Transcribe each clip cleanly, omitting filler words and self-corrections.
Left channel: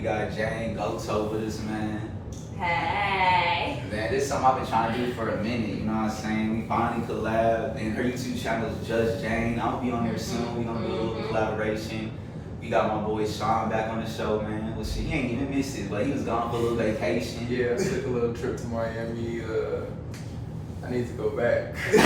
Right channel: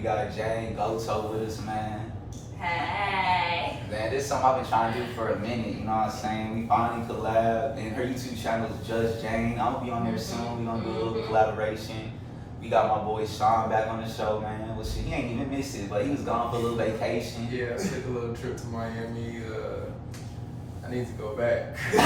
we got Jane Goto with us, man. Hey. Man, this is something I've been trying to do for a minute, you know what I'm saying? We finally collabed, and her YouTube channel is JustJane. I'm gonna be on there soon. We're gonna do a little collaboration. We got my boy Sean back on the show, man. Well, shit, he ain't even miss it, but he was gone for a little vacation. Yeah, I took a little trip to Miami. I need to go back. That's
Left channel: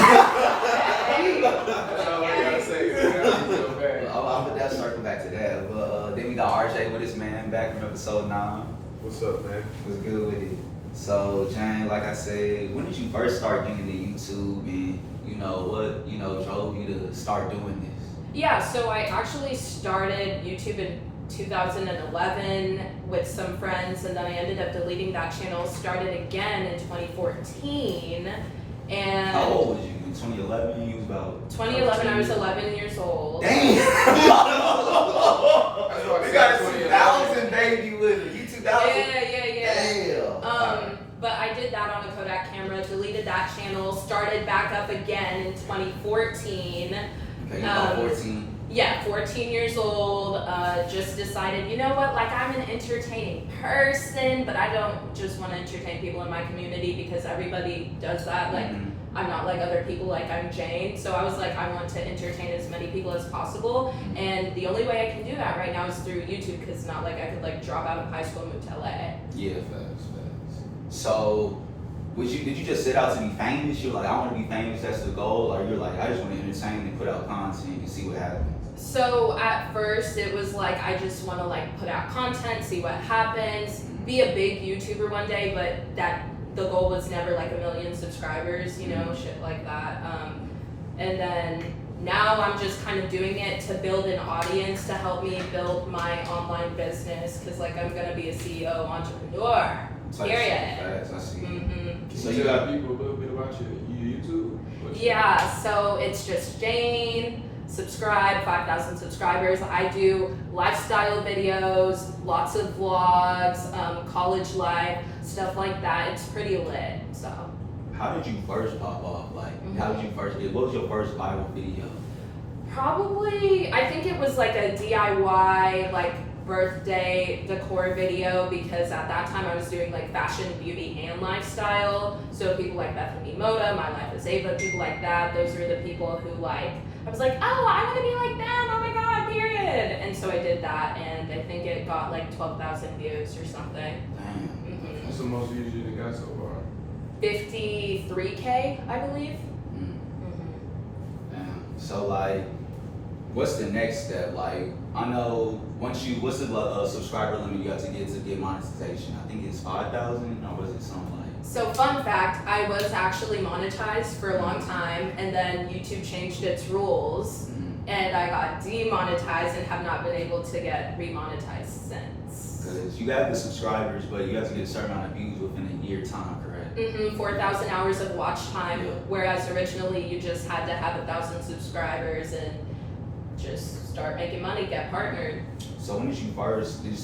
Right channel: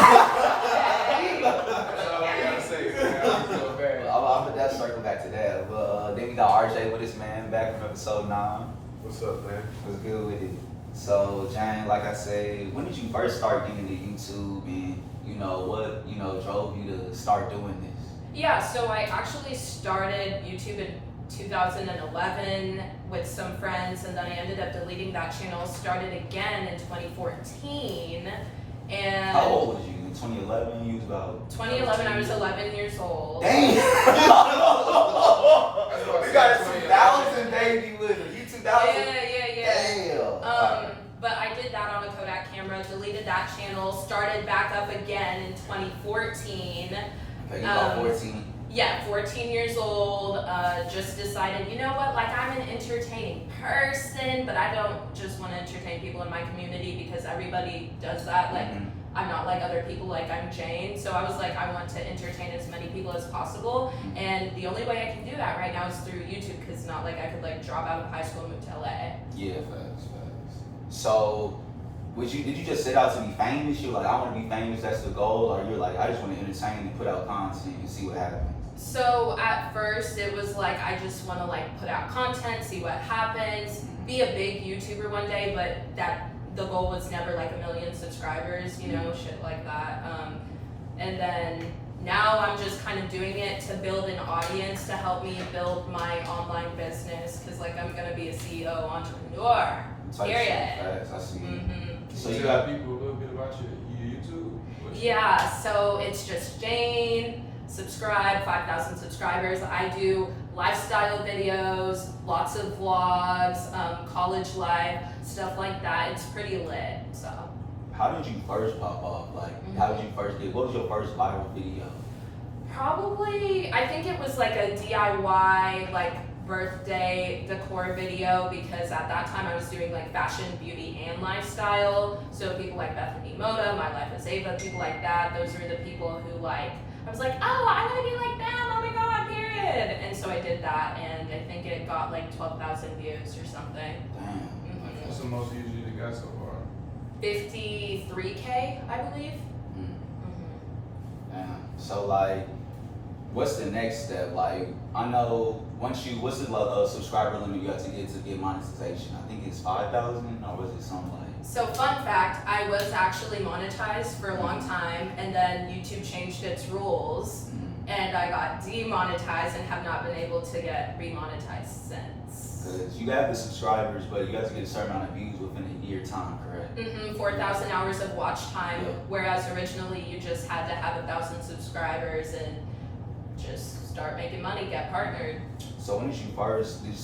all I gotta say. I need to go back. I'll put that circle back to that. But then we got RJ with us, man, back from episode 9. What's up, man? What's good with it? So, Jane, like I said, when did you first start getting into YouTube, and what drove you to start doing this? Yeah, so I actually started YouTube in 2011 with some friends, and then I ended up deleting that channel, started again in 2014. And how old was you in 2011? You was about 2011, I was 11 years old. Damn! That's what I You got a said, 2000 baby with her. You 2000? Yeah. Damn. But I did that on a Kodak camera, deleted that channel, started back up again in 2014. Okay, you about 14. Yeah, 14 years old, just decided, you know what, like I'm an entertaining person, but I don't just want to entertain people in my community because everybody does that. Like, I'm not like other people, like I'm Jane. So I was like, I want to entertain as many people as possible. And the only way I can do that right now is through YouTube, because not like I could like drop out of high school and move to LA. Yeah, facts. So, did you just set out to be famous? You're like, I want to be famous, that's the goal? Or you're like, I just want to entertain and put out content and see what happens? So at first it was like, I just want to like put out content, see what happens, be a big YouTuber one day, but the goal was never like 1 million subscribers, shit like that. And then now I'm just kind of doing it to build an audience to help me build my online business, because like I'm gonna be a CEO entrepreneur. Period. I see. So you tell people a little bit about your YouTube? Yeah, so it's just Jane. Subscribe, 5,000 subscribers. I do lifestyle videos, lots of vlogs, college life, stuff like that. It's pretty lit. So. How did you first pop off? Like, how did you first do? What was your first viral video? Probably, I think it was like a DIY like birthday decor video, because at that time I was doing like fashion, beauty, and lifestyle. So people like Bethany Moda, My Life as Ava, people like that. Those were the people who like, I was like, oh, I want to be like them. Oh my God, period. And so I did that, and I think it got like 12,000 views or something. What's the most views you got so far? 53K, I believe. Damn. So like, what's the next step? Like, I know what's the subscriber limit you have to get monetization? I think it's 5,000, or was it something like? So fun fact, I was actually monetized for a long time, and then YouTube changed its rules, and I got demonetized and have not been able to get remonetized since. Because you have the subscribers, but you have to get a certain amount of views within a year time, correct? 4,000 hours of watch time, whereas originally you just had to have 1,000 subscribers and just start making money, get partnered. So when did you first, did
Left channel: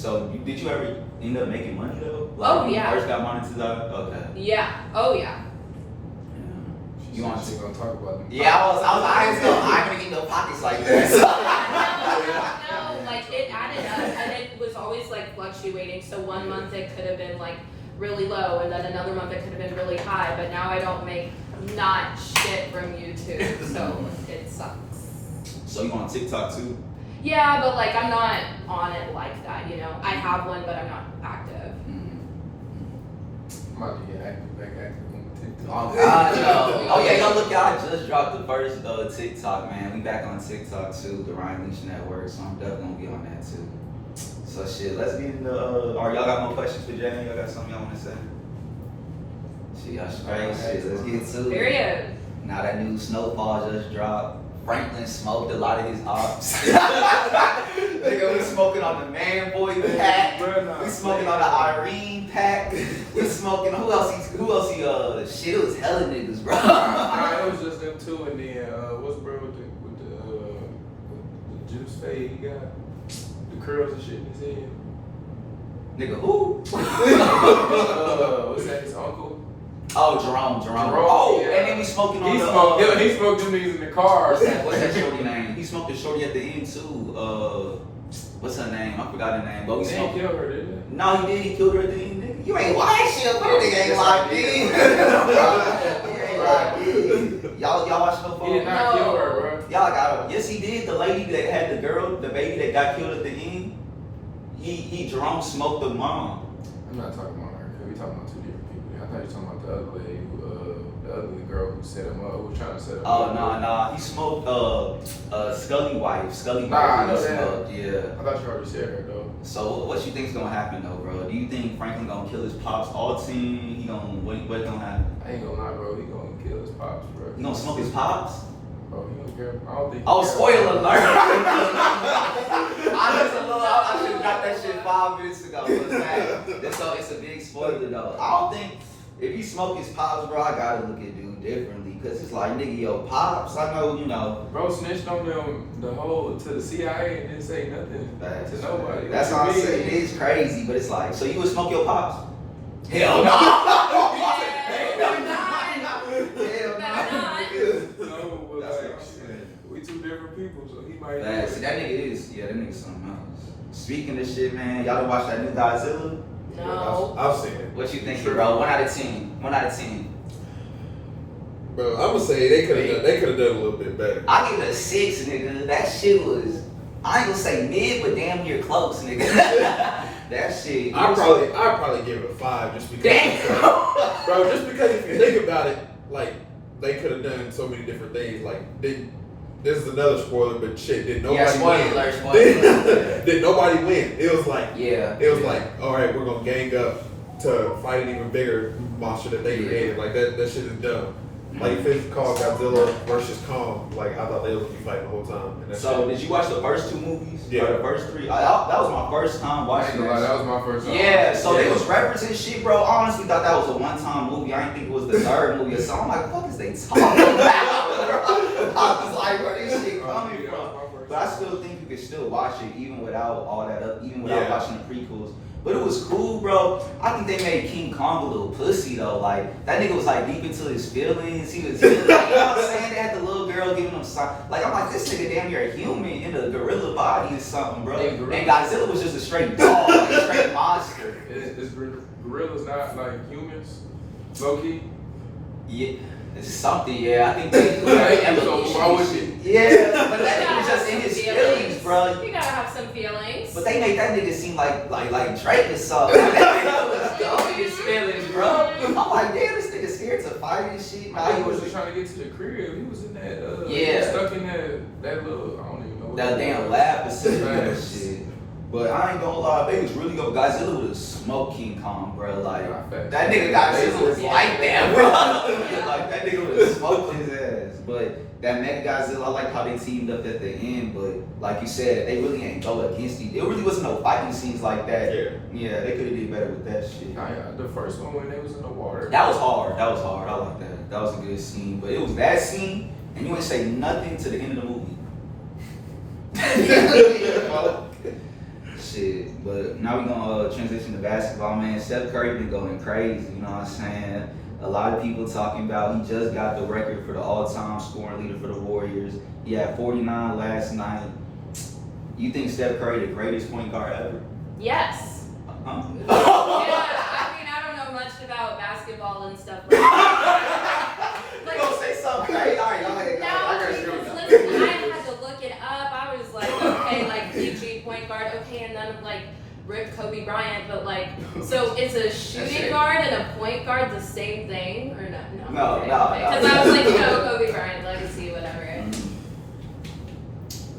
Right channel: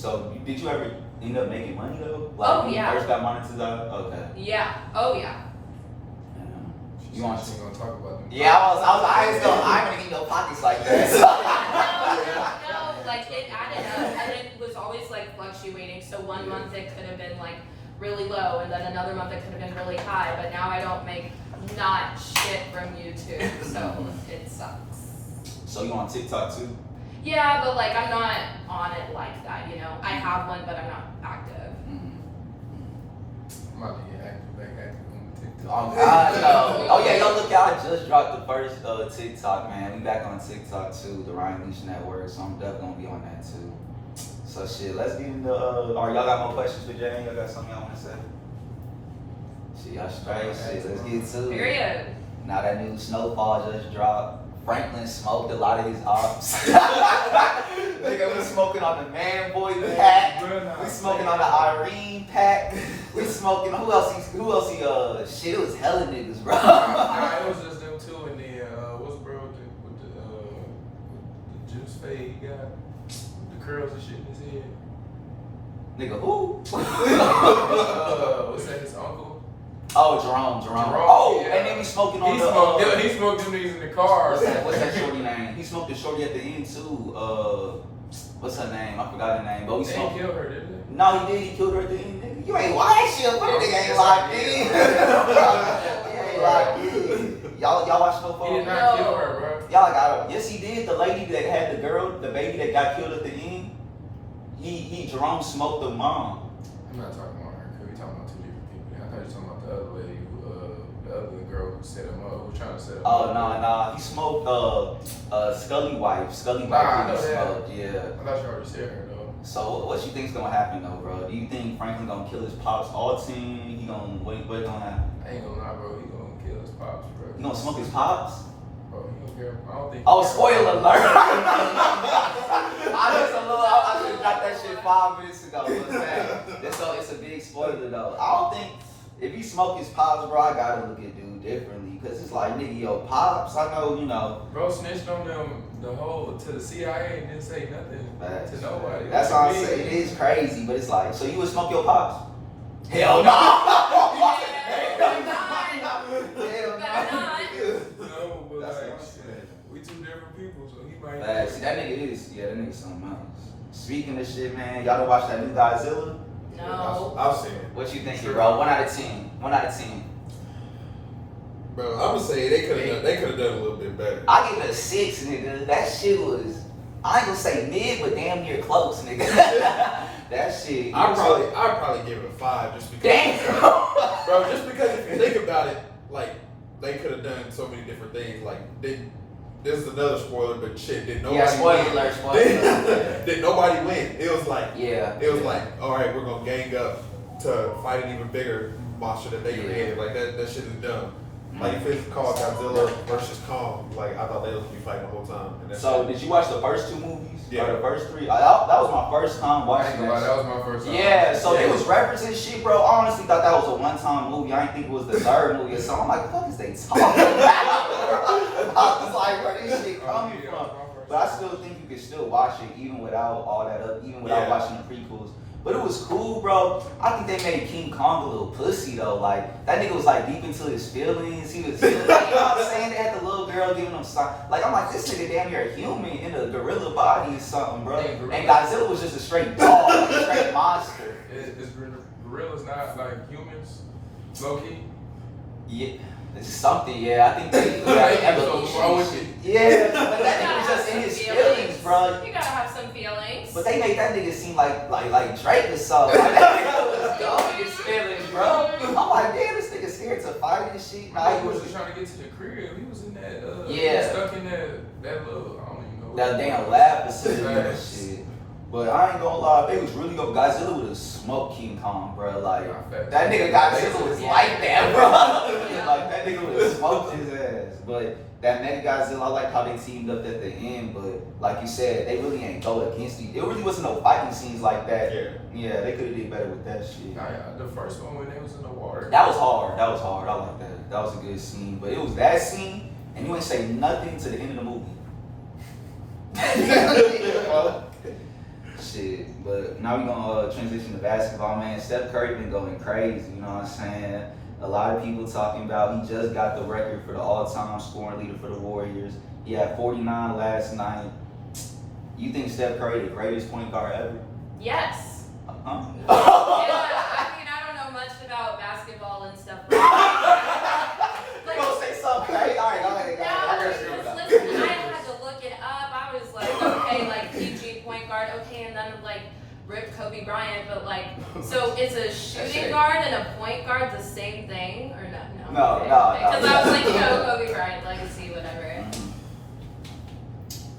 you ever end up making money though? Like, Oh, when yeah. you first got monetized? Okay. Yeah, oh yeah. You want to gonna talk about them? Yeah, I ain't gonna eat no pockets like that. No, like it added up, and it was always like fluctuating. So one month it could have been like really low, and then another month it could have been really high. But now I don't make not shit from YouTube, so it sucks. So you on TikTok too? Yeah, but like I'm not on it like that, I have one, but I'm not active. I might be getting active on TikTok. Okay, look, y'all just dropped the first TikTok, man. We back on TikTok too, the Ryan Leach Network, so I'm definitely gonna be on that too. So shit, let's get into, y'all got more questions for Jane? Y'all got something y'all wanna say? Shit, y'all straight, shit, let's get to it. Period. Now that new Snowfall just dropped. Franklin smoked a lot of his ops. Nigga, we smoking on the Man Boy pack. We smoking on the Irene pack. We smoking. Who else? Shit, it was hella niggas, bro. Nah, it was just them two, and then what's bro with the juice fade he got, the curls and shit in his head. Nigga, who? What's that? His uncle. Oh, Jerome. Oh, yeah. and then we smoking on He the. smoked them niggas in the car. What's that shorty name? He smoked the shorty at the end too. what's her name? I forgot her name. But we They saw. ain't killed her, did they? No, he did. He killed her at the end. Nigga. You ain't watch shit, bro. Nigga ain't locked in. Y'all watch Snowfall? He did not kill her, bro. Y'all got her. Yes, he did. The lady that had the girl, the baby that got killed at the end. He Jerome smoked the mom. I'm not talking about her, because we talking about two different people. I thought you were talking about the other lady, the ugly girl who set him up, who was trying to set him up. Nah. He smoked Scully wife. Scully Nah, I know wife. that. Smoked, yeah. I thought you already said her, though. So what you think's gonna happen though, bro? Do you think Franklin gonna kill his pops all team? He gonna what gonna happen? I ain't gonna lie, bro. He gonna kill his pops, bro. He gonna smoke his pops? Bro, he don't care. I don't think. Oh, spoiler alert! I just got that shit 5 minutes ago. So it's a big spoiler though. I don't think if you smoke his pops, bro, I gotta look at dude differently. Cause it's like, nigga, yo, pops, I know, you know. Bro snitched on them to the CIA and didn't say nothing to nobody. That's all I'm saying. It is crazy, but it's like, so you would smoke your pops? Hell no! No, but like, we two different people, so he might. See, that nigga something else. Speaking of shit, man, y'all don't watch that new Godzilla? No. I've seen it. What you think, bro? 1 out of 10. 1 out of 10. Bro, I'm gonna say they could have done a little bit better. I give it a 6, nigga. That shit was, I ain't gonna say mid, but damn near close, nigga. That shit. I'd probably give it a 5 just because. Damn. Bro, just because if you think about it, like they could have done so many different things. Like this is another spoiler, but shit, did nobody win? Did nobody win? It was like it was like, all right, we're gonna gang up to fight an even bigger monster that they created. Like that shit is dumb. Like if it's called Godzilla versus Kong, like I thought they was gonna be fighting the whole time. And So did you watch the first 2 movies? Yeah. Or the first 3? That was my first time I watching ain't gonna lie, that was my first time. Yeah, so they was referencing shit, bro. I honestly thought that was a one-time movie. I didn't think it was the 3rd movie or something. I'm like, what is they talking about? I was like, where is this shit coming from? But I still think you could still watch it even without all that up, even without watching the prequels. But it was cool, bro. I think they made King Kong a little pussy though. Like that nigga was like deep into his feelings. He was, like, you know what I'm saying? They had the little girl giving him sign. Like I'm like, this nigga damn near a human in a gorilla body or something, bro. And Godzilla was just a straight dog, a straight monster. Is gorillas not like humans? Low key? Yeah. It's something, I think they You but that nigga was just in his feelings, bro. You gotta have some feelings. But they made that nigga seem like Drake or something. That nigga was dumb in his feelings, bro. I'm like, damn, this nigga's scared to fight and shit. I he was just trying to get to the crib. He was in that, he was stuck in that little, I don't even know what that damn lab facility and shit. But I ain't gonna lie, they was really good. Godzilla would have smoked King Kong, bro. Like, that nigga Godzilla was like that, bro. Like, that nigga would have smoked his ass. But that Mega Godzilla, I like how they teamed up at the end. But like you said, they really ain't go against each. It really wasn't no fighting scenes like that. Yeah, they could have did better with that shit. The first one when they was in the water. That was hard. I like that. That was a good scene. But it was that scene, and you ain't say nothing to the end of the movie. Shit, but now we're gonna transition to basketball, man. Steph Curry been going crazy, you know what I'm saying? A lot of people talking about he just got the record for the all-time scoring leader for the Warriors. He had 49 last night. You think Steph Curry the greatest point guard ever? Yes. Huh? I mean, I don't know much about basketball and stuff like that. Like, you gonna say something crazy? All right, listen, I had to look it up. I was like, okay, like PG point guard, okay, and then like Rip Kobe Bryant, but like, so is a shooting guard and a point guard the same thing or no? No. Because I was like, Kobe Bryant legacy, whatever.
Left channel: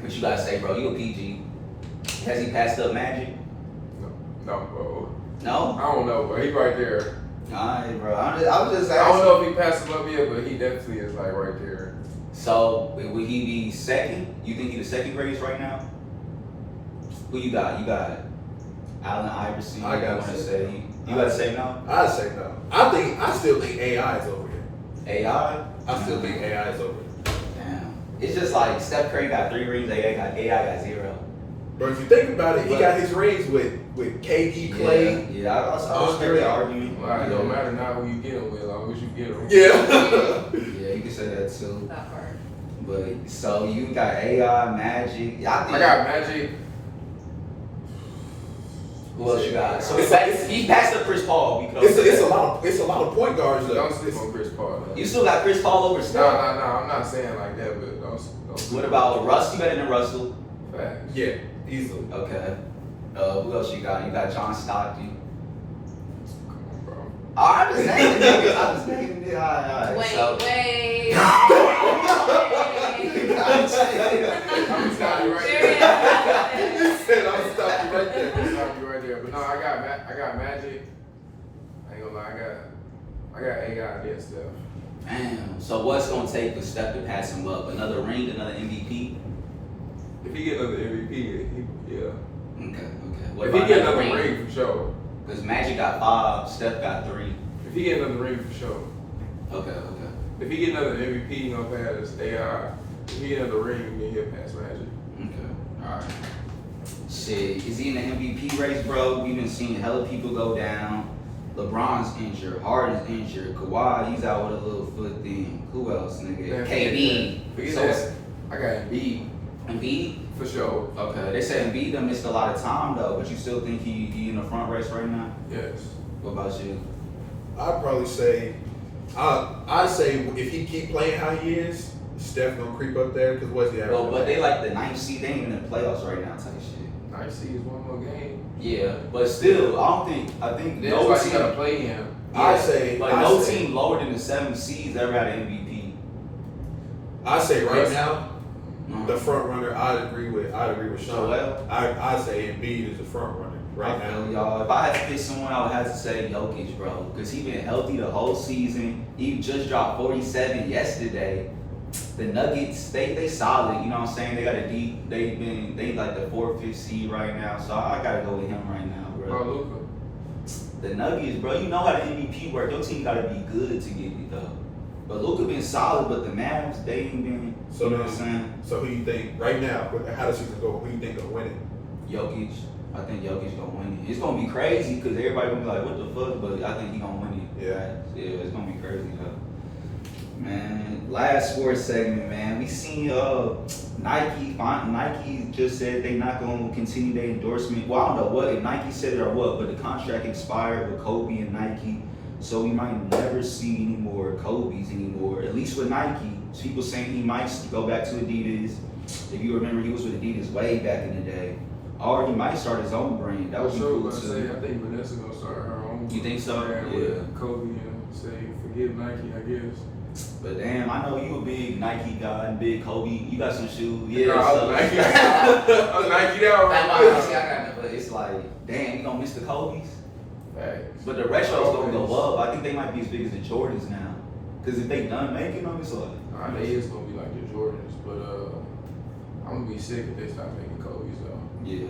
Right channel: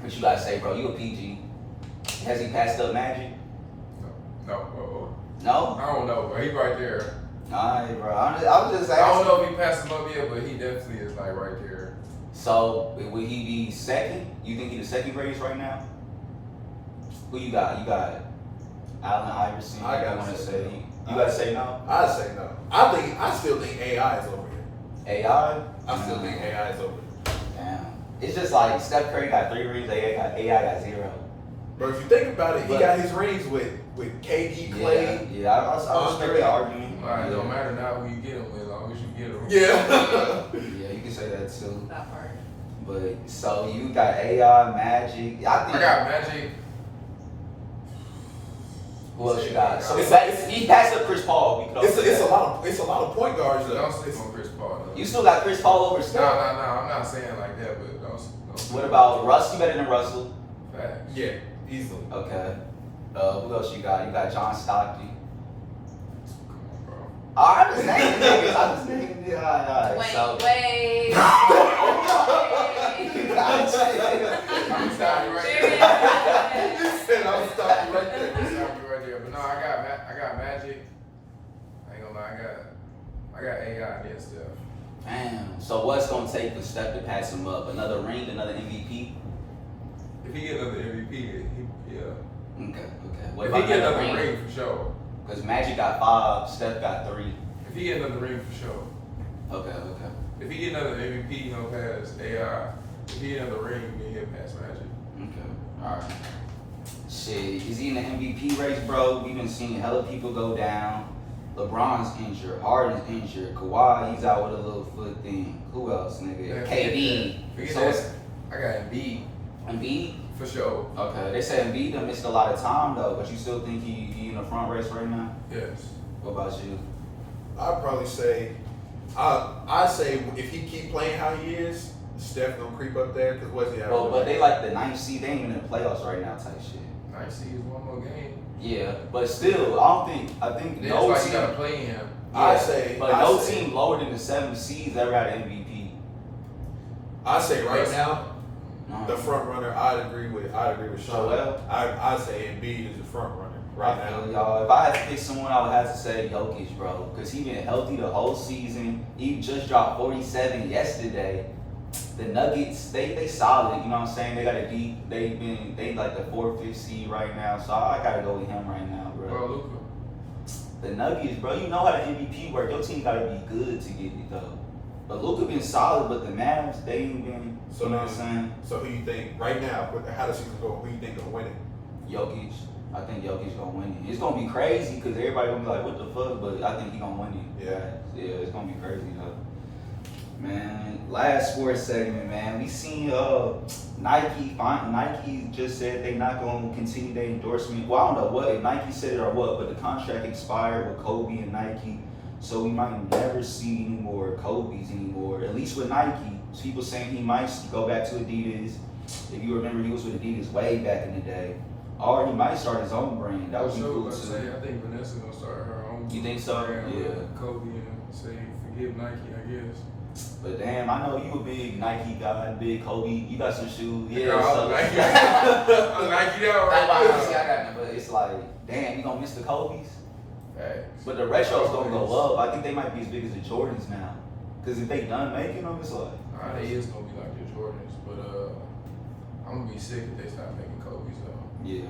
What you gotta say, bro? You a PG? Has he passed up Magic? No, bro. No? I don't know, but he right there. Alright, bro. I'm just asking. I don't know if he passed him up yet, but he definitely is like right there. So would he be second? You think he's the second greatest right now? Who you got? You got Allen Iverson. I gotta say. You gotta say no. I say no. I still think AI is over here. AI? I still think AI is over here. Damn. It's just like Steph Curry got 3 rings. AI got 0. But if you think about it, he got his rings with KD, Clay. Yeah, I respect the argument. It don't matter now who you get him with, as long as you get him. Yeah. Yeah, you can say that too. That part. But so you got AI, Magic. I got Magic, Who else you got? So It's- he passed up Chris Paul. It's a lot of point guards. Though. Don't sleep on Chris Paul. You still got Chris Paul over Steph. No, I'm not saying like that, but don't sleep. What about Russ? You better than Russell. Facts. Yeah, easily. Okay. Who else you got? You got John Stockton. Come on, bro. I'm just saying niggas. I'm just saying niggas. Wait. I'm stop you right Very there. accurate. You said I'm gonna stop you right there. I'm stop you right there. But no, I got Magic. I ain't gonna lie, I got AI against Steph. Damn. So what's gonna take for Steph to pass him up? Another ring, another MVP? If he get another MVP, yeah. Okay. If he get another ring for sure. Because Magic got 5, Steph got 3. If he get another ring for sure. Okay. If he get another MVP, he gonna pass AI. If he get another ring, then he'll pass Magic. Okay. Alright. Shit, is he in the MVP race, bro? We've been seeing hella people go down. LeBron's injured, Harden's injured, Kawhi, he's out with a little foot thing. Who else, nigga? Man, KD. forget So that. I got Embiid Embiid? for sure. Okay, they said Embiid done missed a lot of time though, but you still think he in the front race right now? Yes. What about you? I'd probably say, I say if he keep playing how he is, Steph gonna creep up there because what's he having? Well, but they like the 9th seed, they ain't even in the playoffs right now type shit. 9 seed is one more game. Yeah, but still, I think Then no it's like team, you gotta play him. I say, but no team lower than the 7 seeds ever got an MVP. I say right now, No. the front runner. I'd agree with Sean. Joel? I say Embiid is the front runner right I now. feel y'all. If I had to pick someone, I would have to say Jokic, bro, because he been healthy the whole season. He just dropped 47 yesterday. The Nuggets, they solid. You know what I'm saying? They got a deep. They like the 4th, 5th seed right now. So I gotta go with him right now, bro. Bro, Luka. The Nuggets, bro, you know how the MVP work. Your team gotta be good to get it though. But Luka been solid, but the Mavs, they ain't been. So You know then- what I'm saying? So who you think right now? How the season go? Who you think gonna win it? Jokic. I think Jokic gonna win it. It's gonna be crazy because everybody gonna be like, "What the fuck?" But I think he gonna win it. Yeah. Yeah, it's gonna be crazy though. Man, last sports segment, man. We seen Nike just said they not gonna continue their endorsement. Well, I don't know what if Nike said it or what, but the contract expired with Kobe and Nike, so we might never see any more Kobe's anymore. At least with Nike, people saying he might go back to Adidas. If you remember, he was with Adidas way back in the day. Or he might start his own brand. That would be cool I say, too. I think Vanessa gonna start her own. You think so? brand Yeah. With Kobe and say, forgive Nike, I guess. But damn, I know you a big Nike guy and big Kobe. You got some shoes. Yeah, Yeah, I'm Nike. I'm Nike out right now. But it's like, damn, you gonna miss the Kobe's? Facts. But the retro's gonna go up. I think they might be as big as the Jordans now. Cause if they done making them, it's like. Nah, they is gonna be like the Jordans, but I'm gonna be sick if they stop making Kobe's though. Yeah.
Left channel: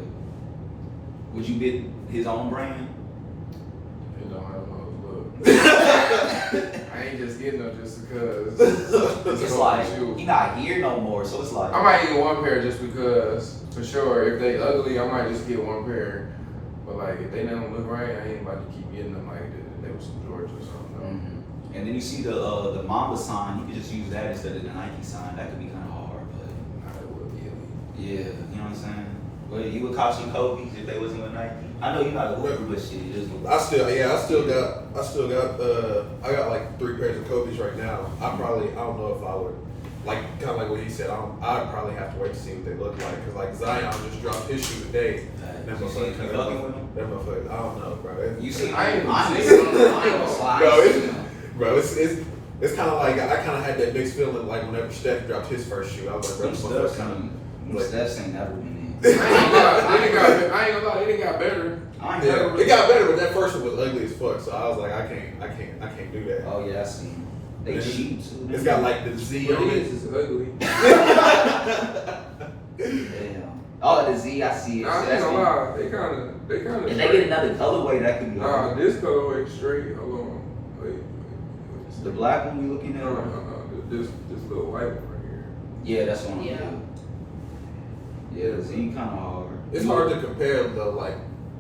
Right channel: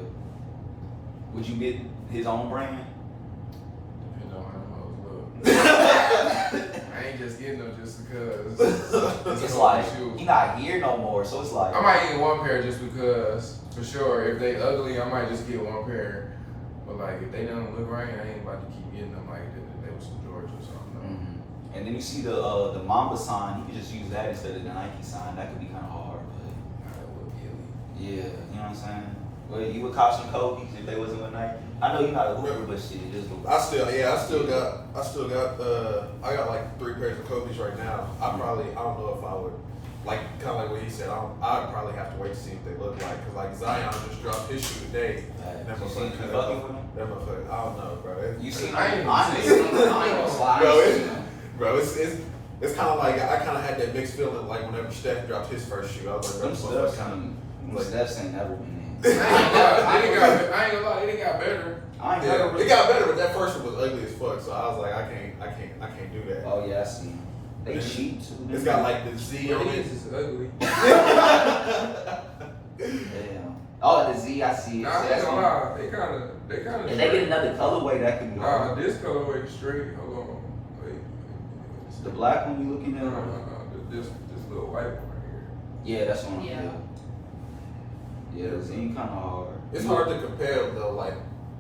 Would you get his own brand? It don't have no look. I ain't just getting them just because. It's like he not here no more, so it's like. I might get one pair just because, for sure. If they ugly, I might just get one pair. But like, if they don't look right, I ain't about to keep getting them like they was some Jordans or something. No. Mhm. And then you see the Mamba sign. You could just use that instead of the Nike sign. That could be kind of hard, but Nah, it would be elite. yeah, you know what I'm saying. Well, you would cop some Kobe's if they wasn't with Nike. I know you're not a hooper, but shit, it is the I got like 3 pairs of Kobe's right now. I don't know if I would, like, kind of like what he said, I'd probably have to wait to see what they look like. Cause like Zion just dropped his shoe today. That motherfucker, I don't know, bro. You see, I ain't mine even is seen mine was Bro, it's kind of like, I kind of had that mixed feeling like whenever Steph dropped his first shoe. I was like, bro, this motherfucker kind of. Steph's ain't never been in. I ain't gonna lie, it didn't got better. Yeah, it got better, but that first one was ugly as fuck. So I was like, I can't do that. Oh yeah, I see. They cheap too. It's got like the Z on it. It's ugly. Damn. Oh, the Z, I see it. Nah, I ain't gonna lie, they kinda If they straight. get another colorway, that could be Nah, hard. this colorway straight. Hold on. Wait. The black one we looking No, at? no, no. This little white one right here. Yeah, that's one. Yeah. Yeah, the Z kind of hard. It's hard to compare though, like.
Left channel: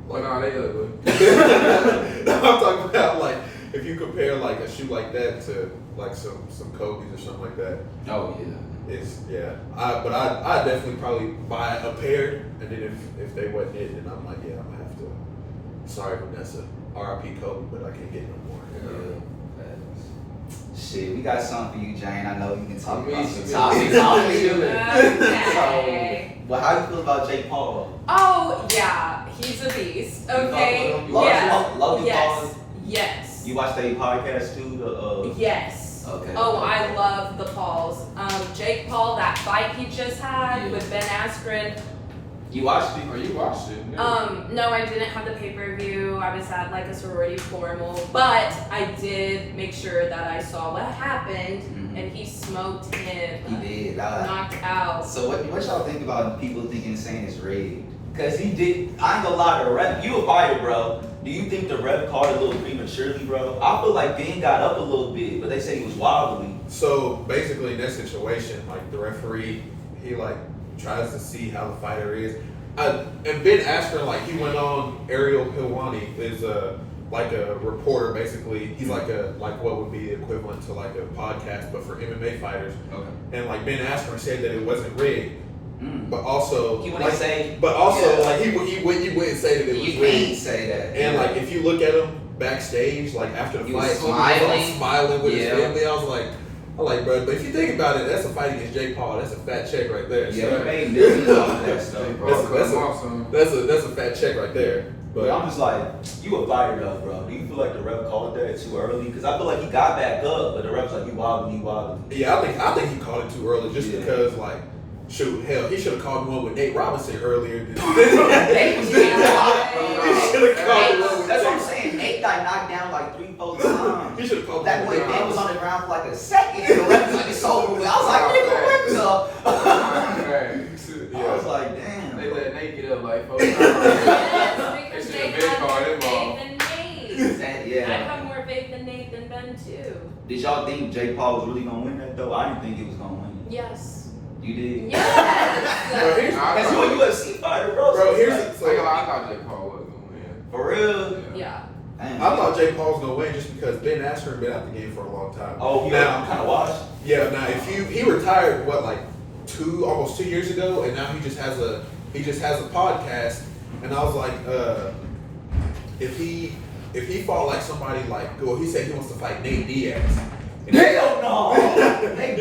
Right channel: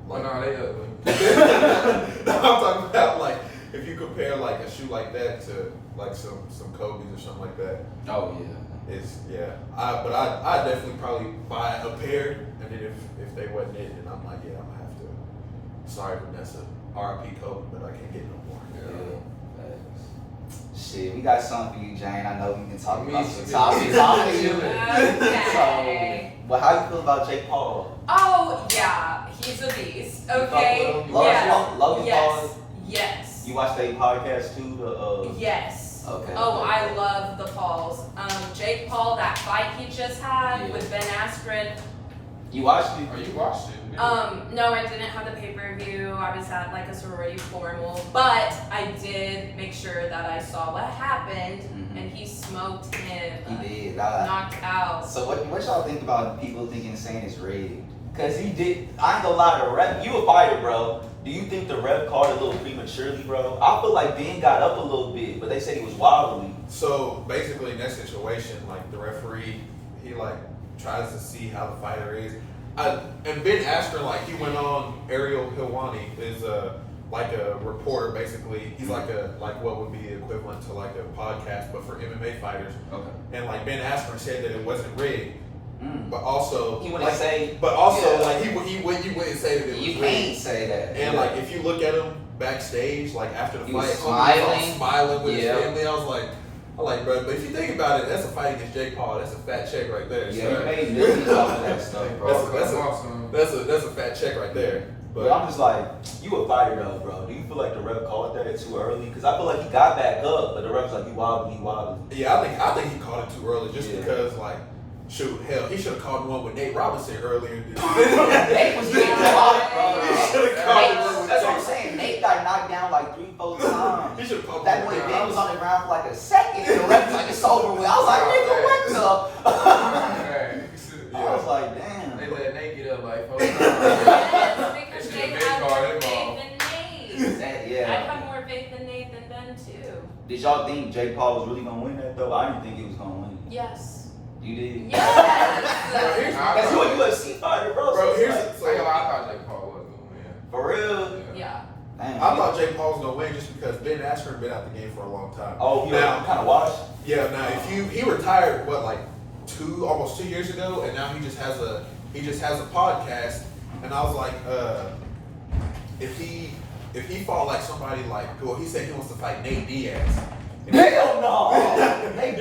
Well, nah, they ugly. No, I'm talking about like if you compare like a shoe like that to like some Kobe's or something like that. Oh yeah. It's but I definitely probably buy a pair, and then if they wasn't it, then I'm like, yeah, I'm gonna have to sorry Vanessa, R.I.P. Kobe, but I can't get no more. Shit, we got something for you, Jane. I know you've been talking about some topics. Okay. But how you feel about Jake Paul? Oh yeah, he's a beast. Okay. Logan Yes. Paul? Yes. You watched that podcast too? Yes. Okay. Oh, I love the Pauls. Jake Paul, that fight he just had with Ben Askren. You watched it? Oh, you watched it? No, I didn't have the pay-per-view. I was at like a sorority formal, but I did make sure that I saw what happened, and he smoked him. He did. Knocked out. So what y'all think about people saying it's rigged? Cause he did. I ain't gonna lie, the ref. You a fighter, bro. Do you think the ref called it a little prematurely, bro? I feel like Ben got up a little bit, but they said he was wobbly. So basically, in that situation, like the referee, he like tries to see how the fighter is. And Ben Askren, like he went on. Ariel Helwani is like a reporter, basically. He's like what would be equivalent to like a podcast, but for MMA fighters. Okay. And like Ben Askren said that it wasn't rigged. But also, he wouldn't say. But also, like he wouldn't say that it was rigged. rigged. Can't say that. And like if you look at him backstage, like after the he fight, was smiling with his family, I was like, bro, but if you think about it, that's a fight against Jake Paul. That's a fat check right there. Yeah, so. he made millions off of that stuff. That's a fat check right there. But I'm just like, you a fighter though, bro. Do you feel like the ref called that too early? Because I feel like he got back up, but the ref's like, you wobbly. Yeah, I think he called it too early just because like. Shoot, hell, he should have called one with Nate Robinson earlier. He should have called one with That's what I'm saying. Nate got knocked down like 3-4 times. He should have called that boy Ben was on the ground for like a second. The ref was like, it's over with. I was like, nigga, what's up? I was like, damn. They let Nate get up like 4 Yes, times. because They they should have have been more called faith him than Nate. Yeah. I have more faith than Nate than Ben too. Did y'all think Jake Paul was really gonna win that though? I didn't think he was gonna win. Yes. You did? Yes. That's you a UFC fighter, bro. Bro, here's I thought Jake Paul was gonna win. For real? Yeah. Damn. I thought Jake Paul was gonna win just because Ben Askren been out the game for a long time. Oh, now kind of washed. Yeah, now if he retired almost 2 years ago, and now he just has a podcast, and I was like, if he fought like somebody like, well, he said he wants to fight Nate Diaz. Hell no! He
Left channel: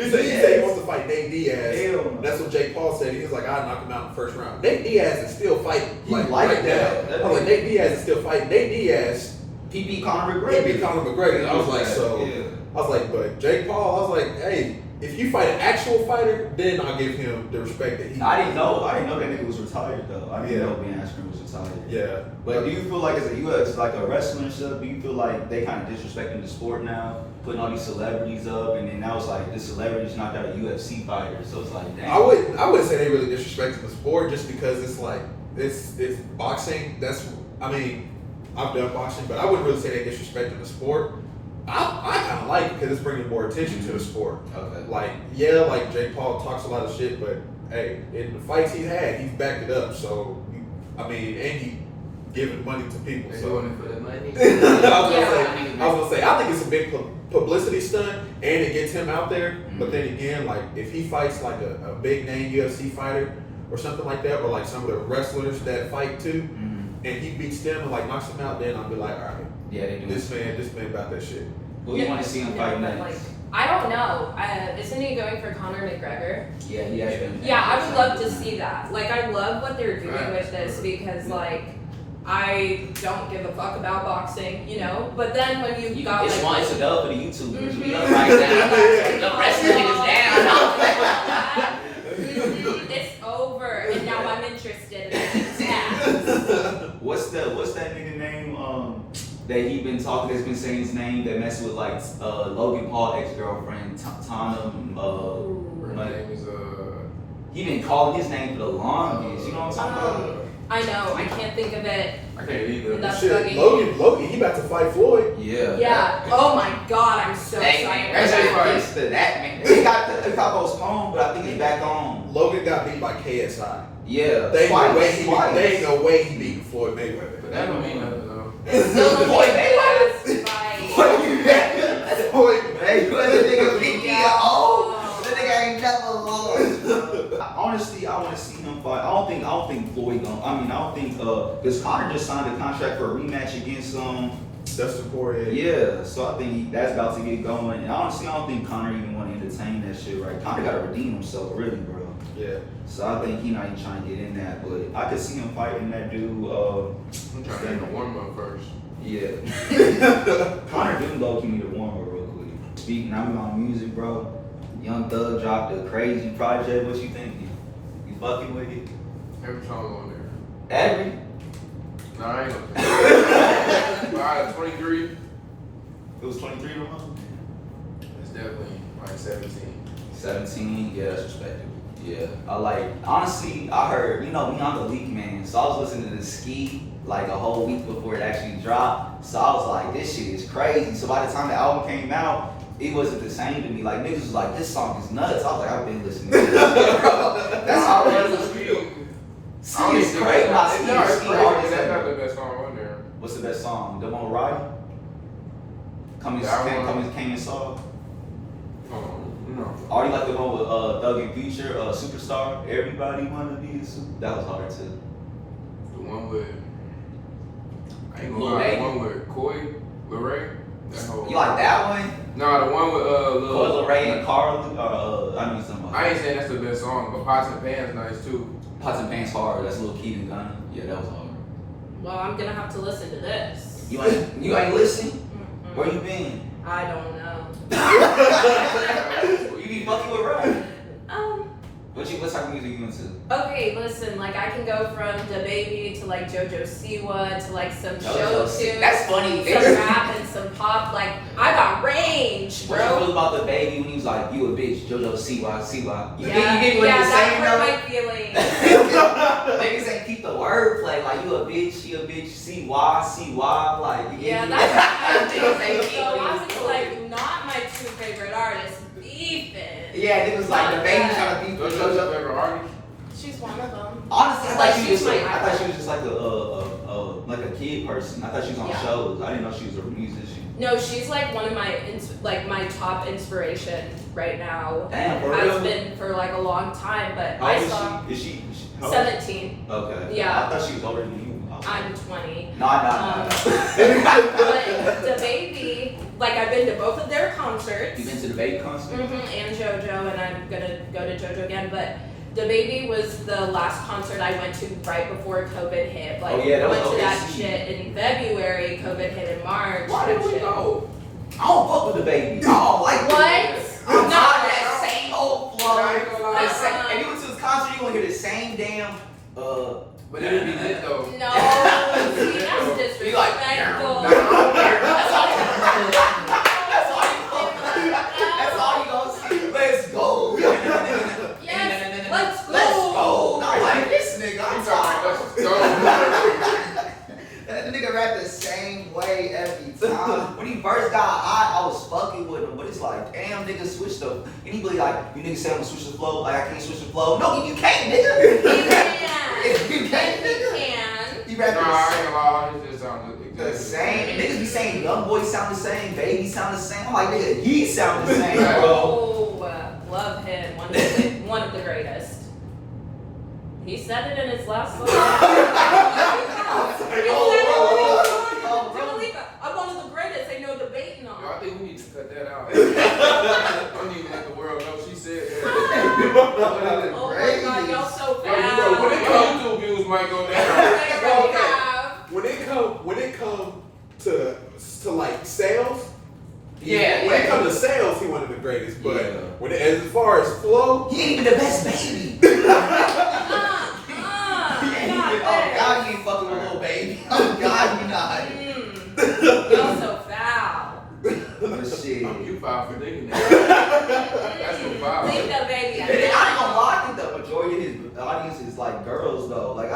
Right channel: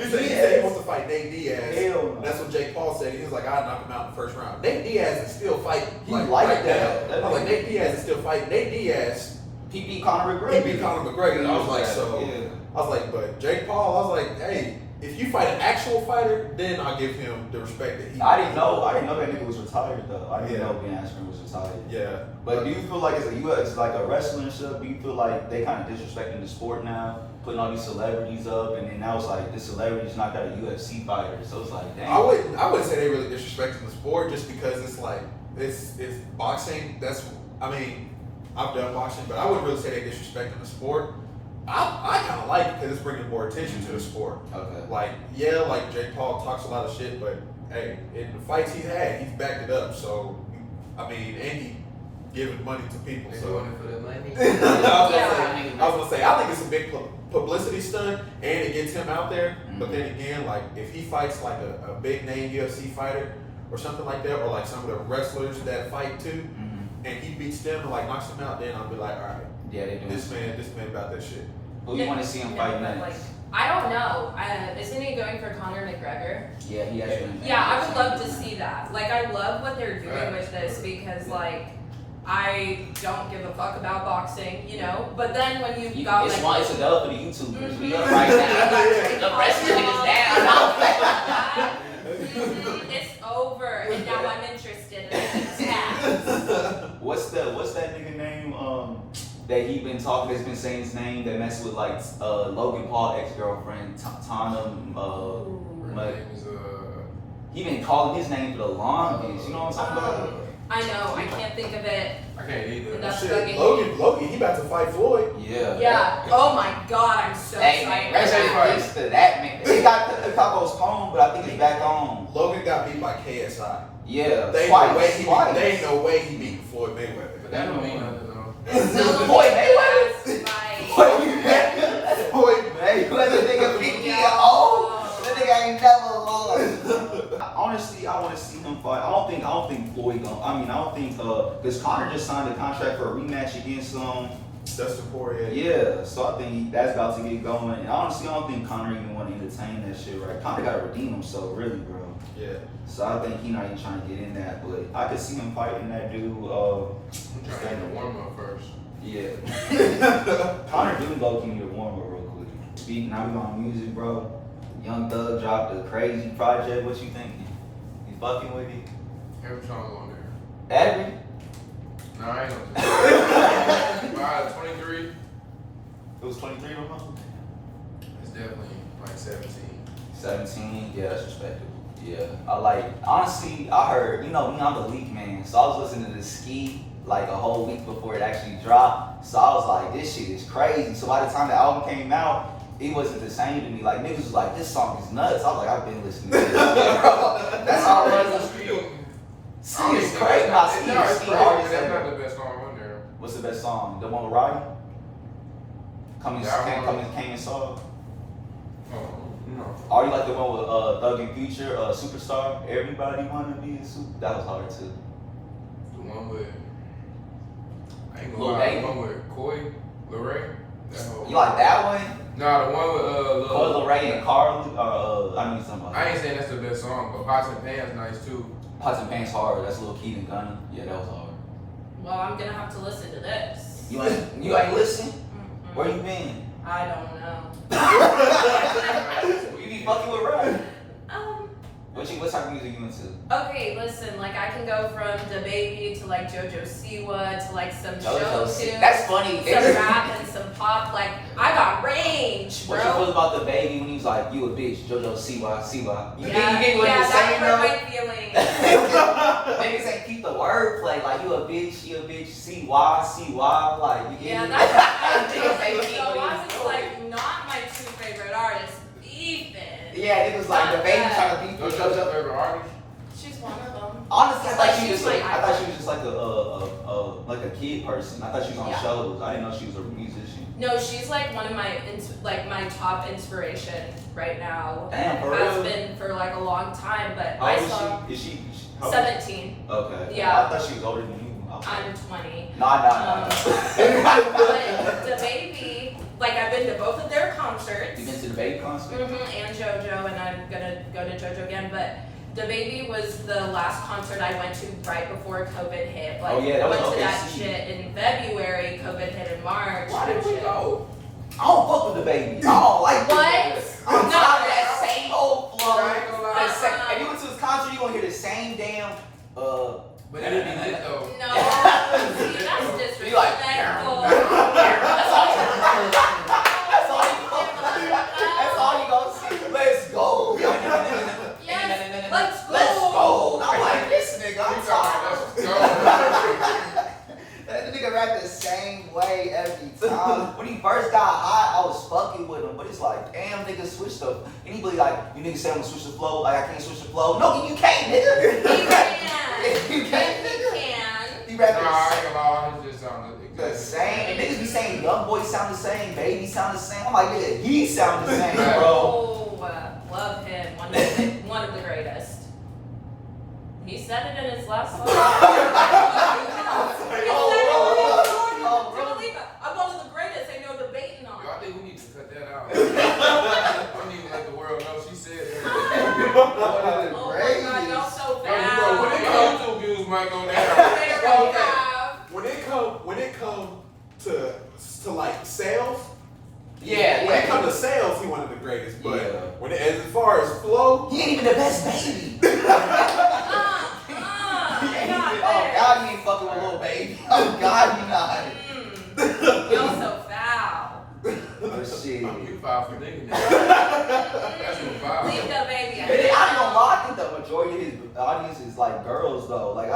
said he wants to fight Nate Diaz. Hell no. That's what Jake Paul said. He was like, I knocked him out in the first round. Nate Diaz is still fighting. Like right that. now. I was like, Nate Diaz is still fighting. Nate Diaz. He beat Conor McGregor. He beat Conor McGregor. I was like, Yeah. I was like, but Jake Paul, I was like, hey, if you fight an actual fighter, then I'll give him the respect that he. I didn't know that nigga was retired though. I didn't know Ben Askren was retired. Yeah. But do you feel like it's like a wrestling show? Do you feel like they kind of disrespecting the sport now, putting all these celebrities up, and then now it's like this celebrity's knocked out a UFC fighter, so it's like, damn. I wouldn't say they really disrespecting the sport just because it's like it's boxing. I've done boxing, but I wouldn't really say they disrespecting the sport. I kind of like it because it's bringing more attention to the sport. Okay. Like Jake Paul talks a lot of shit, but hey, in the fights he's had, he's backed it up. So and he giving money to people. They So doing it for the money. I was gonna say, I think it's a big publicity stunt, and it gets him out there. But then again, like if he fights like a big name UFC fighter or something like that, or like some of the wrestlers that fight too, and he beats them and like knocks them out, then I'll be like, all right, Yeah, they do. this man about that shit. Who you want to see him fight but, next? like, I don't know. Isn't he going for Conor McGregor? Yeah, he has been. Yeah, I would love to see that. Like, I love what they're doing with this because, like, I don't give a fuck about boxing, you know? But then when you've got, it's like... It's a dub for the YouTubers. We Mhm. up right now. The wrestling is down. It's over, and now I'm interested, and I keep tabs. What's that nigga name? That he been talking, that's been saying his name, that messed with like Logan Paul ex-girlfriend Tana. Her name is He been calling his name for the longest. You know what I'm talking about? I know, I can't think of it. I can't either. That's Shit, bugging Logan, he about to fight Floyd. Yeah. Yeah. Oh my god, I'm so Hey excited. man, that's that man. They got postponed, but I think he's back on. Logan got beat by KSI. Yeah. They ain't Twice. no way he beat Floyd Mayweather. But that don't mean nothing though. It's still the Boy, big fight. Floyd Mayweather, nigga beat me at all. That nigga ain't never lost. honestly, I want to see him fight. I don't think Floyd gonna. I don't think because Conor just signed a contract for a rematch against Dustin Poirier. Yeah, so I think that's about to get going. And honestly, I don't think Conor even want to entertain that shit, right? Conor got to redeem himself, really, bro. Yeah. So I think he not even trying to get in that, but I could see him fighting that dude. I'm trying to get the warm up first. Yeah. Conor didn't go to need a warm up real quick. Speaking, I'm on music, bro. Young Thug dropped a crazy project. What you thinking? You fucking with it? Every song on there. Every? No, I ain't gonna say 23. It was 23 to 1? It's definitely like 17. 17, yeah, that's respectable. Yeah, I like, honestly, I heard, I'm the leak man, so I was listening to the Ski like a whole week before it actually dropped, so I was like, this shit is crazy. So by the time the album came out, it wasn't the same to me. Like, niggas was like, this song is nuts. I was like, I've been listening to this shit, bro. That's how I was listening. Ski is crazy. No, it's crazy, but that's not the best song on there. What's the best song? The one with Wright? Coming and Saw? No. Oh, you like the one with Thug and Future, Superstar? Everybody wanna be a super. That was hard too. The one with, I ain't gonna lie, the one with Coy, Lorraine. You like that one? No, the one with Coy, Lorraine, and Carl. Somebody. I ain't saying that's the best song, but Pots and Pans nice too. Pots and Pans hard. That's a little Keaton Gunner. Yeah, that was hard. Well, I'm gonna have to listen to this. You ain't listening? Where you been? I don't know. You be fucking with Wright. What type of music you into? Okay, listen, like I can go from DaBaby to like JoJo Siwa to like some show tunes. That's funny. Some rap and some pop. Like I got range, bro. What you feel about DaBaby when he's like, you a bitch, JoJo Siwa. You get what yeah, you're that saying, hurt though? my feelings. Niggas ain't keep the wordplay. Like, you a bitch, she a bitch, CY, like. Yeah, that's so I was like, not my two favorite artists, beefing. Yeah, it was like DaBaby trying to beef Those with are your JoJo. favorite artists? She's one of them. Honestly, it's like she's my I thought she was just like a kid person. I thought she was on shows. I didn't know she was a musician. No, she's like one of my top inspiration right now. Damn, for has real? been for like a long time, but How I old saw is she 17. Okay. Yeah. I thought she was older than you. I'm 20. Nah. But DaBaby, like I've been to both of their concerts. You been to the DaBaby concert? And JoJo, and I'm gonna go to JoJo again. But DaBaby was the last concert I went to right before COVID hit. Like, I went to that shit in February. COVID hit in March. Why did we go? I don't fuck with DaBaby. I don't like What? I'm No. tired of that same old flow. I ain't gonna lie. And you went to his concert, you gonna hear the same damn. But it'd be lit though. No, see, that's disrespectful. That's all you gonna see. Let's go. Yes, let's go. Let's go. I'm like, this nigga, I'm tired. That nigga rap the same way every time. When he first got hot, I was fucking with him, but it's like, damn, nigga, switch the. And he be like, you niggas say I'm gonna switch the flow, like I can't switch the flow. No, you can't, nigga. He can. You can't, nigga. He can. You rap I ain't gonna lie, it just sounds the exactly same. And niggas be saying young boys sound the same, baby sound the same. I'm like, nigga, he sound the same, bro. Oh, love him. One of the greatest. He said it in his last song. He said it when he was talking. I'm one of the greatest. Ain't no debating on. Yo, I think we need to cut that out. I don't even let the world know she said that. Oh my God, y'all so What bad. did your YouTube views might go down? When it come to like sales, Yeah. when it comes to sales, he one of the greatest. But when as far as flow, He ain't even the best baby. God, you ain't fucking with little baby. Oh God, you not. Y'all so foul. But shit. You foul for thinking that. That's no foul. Leave the baby I ain't gonna alone. lie, I think the majority of his audience is like girls though. Like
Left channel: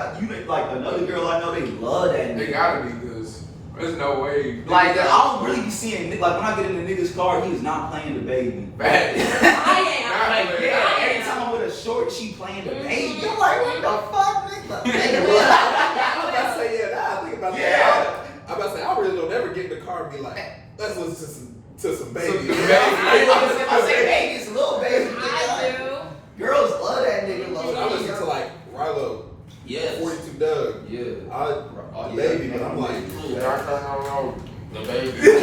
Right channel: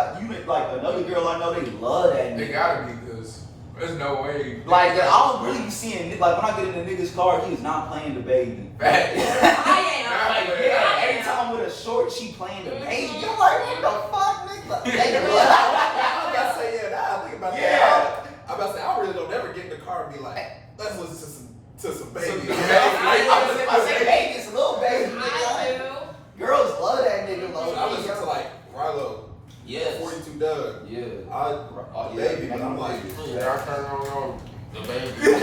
like another girl I know, they love that They nigga. gotta be, because there's no way. Like I don't really be seeing like when I get in the nigga's car, he is not playing the baby. Bad. I am. Like, I every am. time with a short, she playing the baby. I'm like, what the fuck, nigga? I'm about to say, now I think about Yeah. that. I'm about to say, I really don't ever get in the car and be like, let's listen to some baby. I say baby, it's a little baby. I do. Girls love that nigga. I'm Yes. 42 Doug. Yeah. Baby, but I'm like, I turn on DaBaby.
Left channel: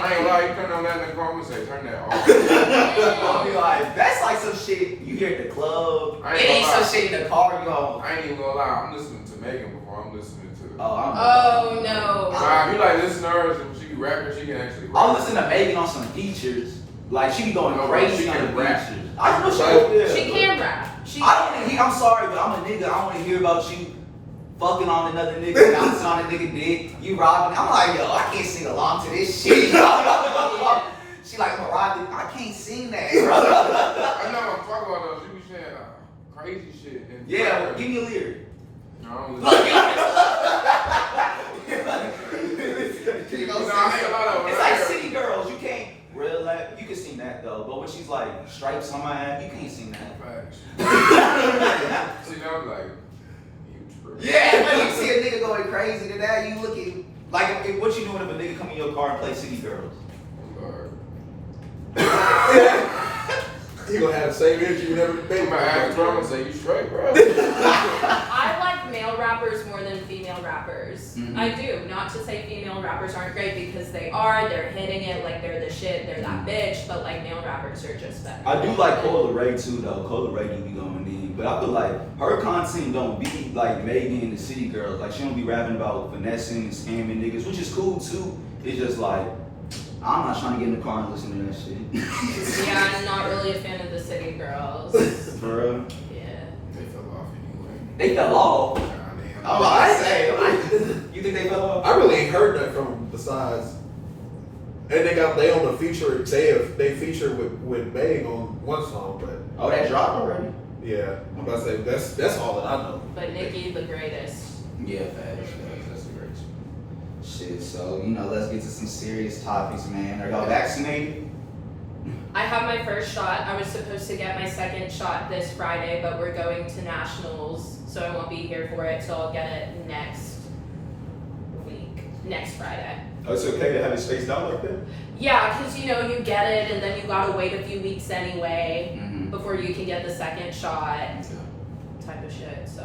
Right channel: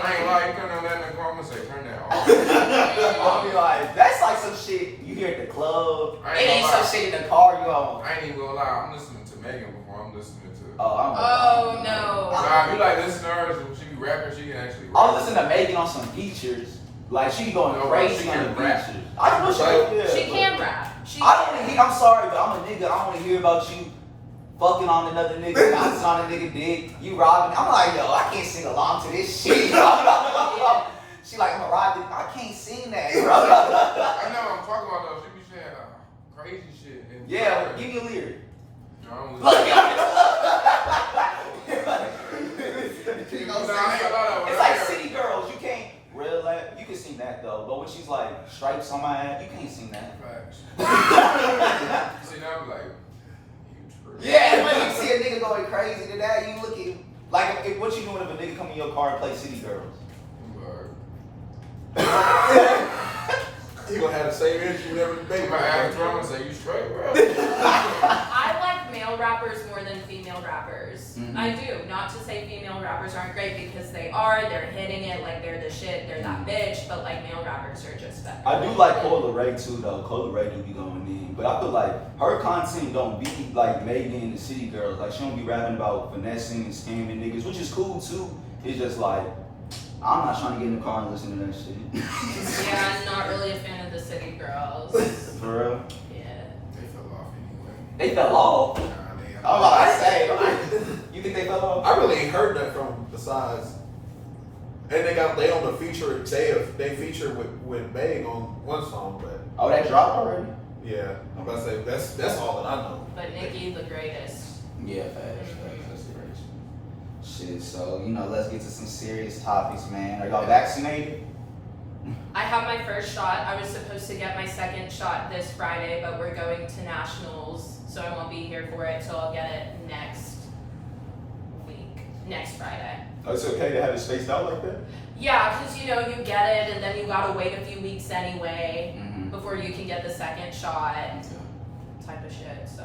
I ain't like turn on that in the car. I'm gonna say turn that off. I'll be like, that's like some shit you hear at the club. I It ain't ain't gonna some lie. shit in the car, you all. I ain't even gonna lie. I'm listening to Megan before I'm listening to. Oh no. Nah, if you like listen to her, if she be rapping, she can actually rap. I'm listening to Megan on some features. Like, she be going No, crazy she on can the rap. features. I know She can rap. I don't wanna hear, I'm sorry, but I'm a nigga. I don't want to hear about you fucking on another nigga, bouncing on a nigga dick, you robbing. I'm like, yo, I can't sing along to this shit. She like, I'm a robbing. I can't sing that, bro. I know what I'm talking about though. She be saying crazy shit. And Yeah, well, give me a lyric. No, I don't listen. It's like City Girls. You can't real like you can sing that though, but when she's like stripes on my ass, you can't sing that. See, now I'm like, you true. Yeah, when you see a nigga going crazy to that, you look at like what you doing if a nigga come in your car and play City Girls? he gonna have the same energy you never made. I'm gonna ask drama say you straight, bro. I like male rappers more than female rappers. Mhm. I do. Not to say female rappers aren't great because they are. They're hitting it like they're the shit. They're that bitch. But like male rappers are just better. I do like Ray too though. Ray do be going in, but I feel like her content don't be like Megan and the City Girls. Like she don't be rapping about finessing and scamming niggas, which is cool too. It's just like I'm not trying to get in the car and listen to that shit. Yeah, I'm not really a fan of the City Girls. For real? Yeah. They fell off anyway. They fell off. Nah, man. I'm about to say. You think they fell off? I really ain't heard that from them besides. And they on the feature. They feature with Meg on one song, but Oh, that dropped already? yeah, I'm about to say that's all that I know. But Nicki, the greatest. Yeah, facts. Shit, so let's get to some serious topics, man. Are y'all vaccinated? I have my first shot. I was supposed to get my second shot this Friday, but we're going to nationals, so I won't be here for it. So I'll get it next Friday. Oh, it's okay to have it spaced out like that? Yeah, because you get it, and then you gotta wait a few weeks anyway Mm-hmm. before you can get the second shot, type of shit. So.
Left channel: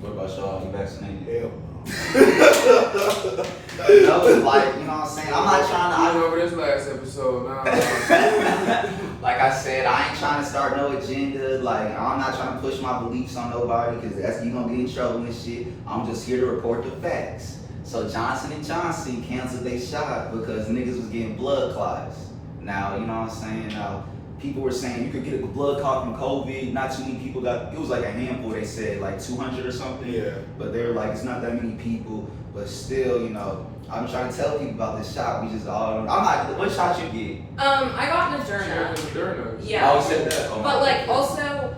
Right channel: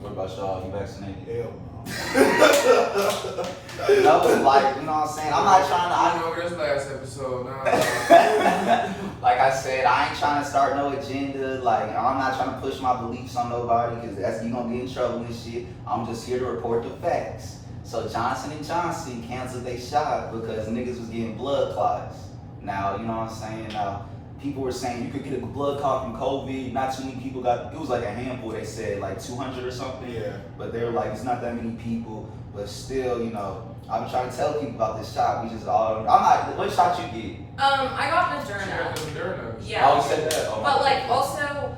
What about y'all? You vaccinated? Hell. That was like, you know what I'm saying? I'm not trying I went over this last episode. Nah. like I said, I ain't trying to start no agenda. Like, I'm not trying to push my beliefs on nobody because you gonna get in trouble and shit. I'm just here to report the facts. So Johnson & Johnson canceled their shot because niggas was getting blood clots. Now, you know what I'm saying? Now, people were saying you could get a blood clot from COVID. Not too many people got, it was like a handful, they said, like 200 or something. Yeah. But they were like, it's not that many people. But still, I'm trying to tell people about this shot. We just all, what shot you get? I got Moderna. Moderna. Yeah. Oh, you said that. Oh, But like also,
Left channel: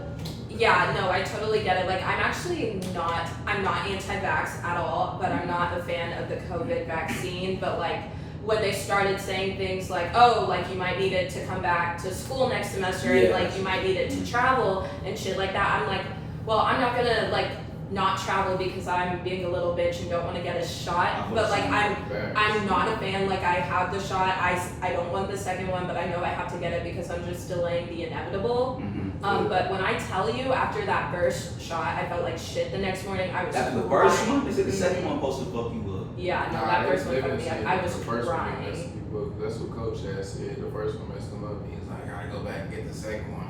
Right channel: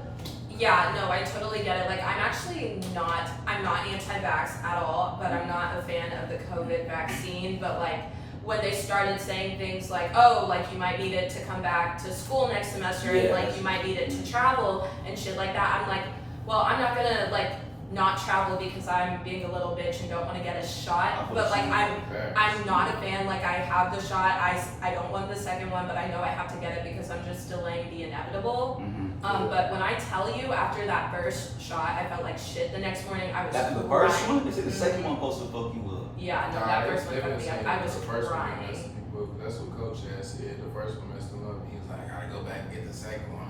yeah, no, I totally get it. Like I'm not anti-vax at all, but I'm not a fan of the COVID vaccine. But like when they started saying things like, oh, like you might need it to come back to school next semester, and like you might need it to travel and shit like that, I'm like, well, I'm not gonna like not travel because I'm being a little bitch and don't want to get a shot. But like I'm not a fan. Like I have the shot. I don't want the second one, but I know I have to get it because I'm just delaying the inevitable. But when I tell you, after that first shot, I felt like shit the next morning. I was That's the crying. first one? Is it the second one supposed to fuck you up? Yeah, no, that first one fucked me up. I was crying. That's what Coach had said. The first one messed him up. He was like, I gotta go back and get the second one.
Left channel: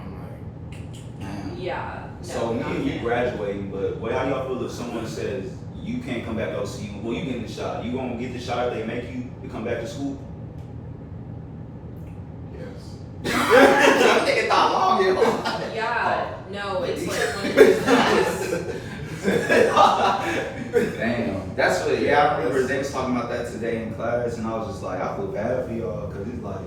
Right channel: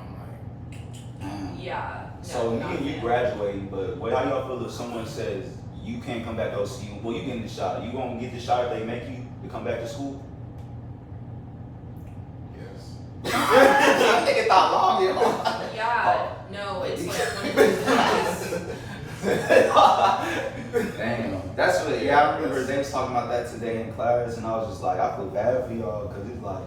I'm like, Yeah. No, So me not and you fan. graduating, but how y'all feel if someone says you can't come back OCU? Well, you getting the shot. You gonna get the shot if they make you to come back to school? yes. I think it's not long. Yeah, no, it's like one of those things. Damn, that's what. Yeah, I remember they was talking about that today in class, and I was just like, I feel bad for y'all because it's like